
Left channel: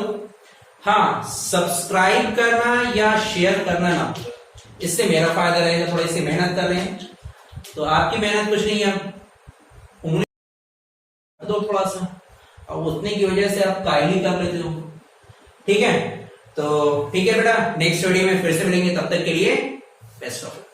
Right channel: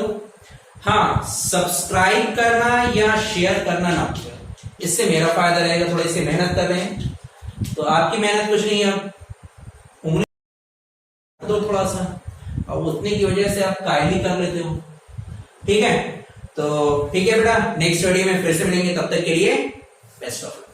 हाँ सब्सक्राइब करना या शेयर करना ना भूलो, इससे मेरा फायदा रहेगा। थोड़ी सी मेहनत कर रहे हैं तो आपकी मेहनत कुछ नहीं है, उंगली दो थोड़ा सा, और उतने की वजह से आप कायली कर लेते हो। ठीक है, तो ठीक है बेटा, नेक्स्ट वीडियो में फिर से मिलेंगे, तब तक के लिए बेस्ट ऑफ लक।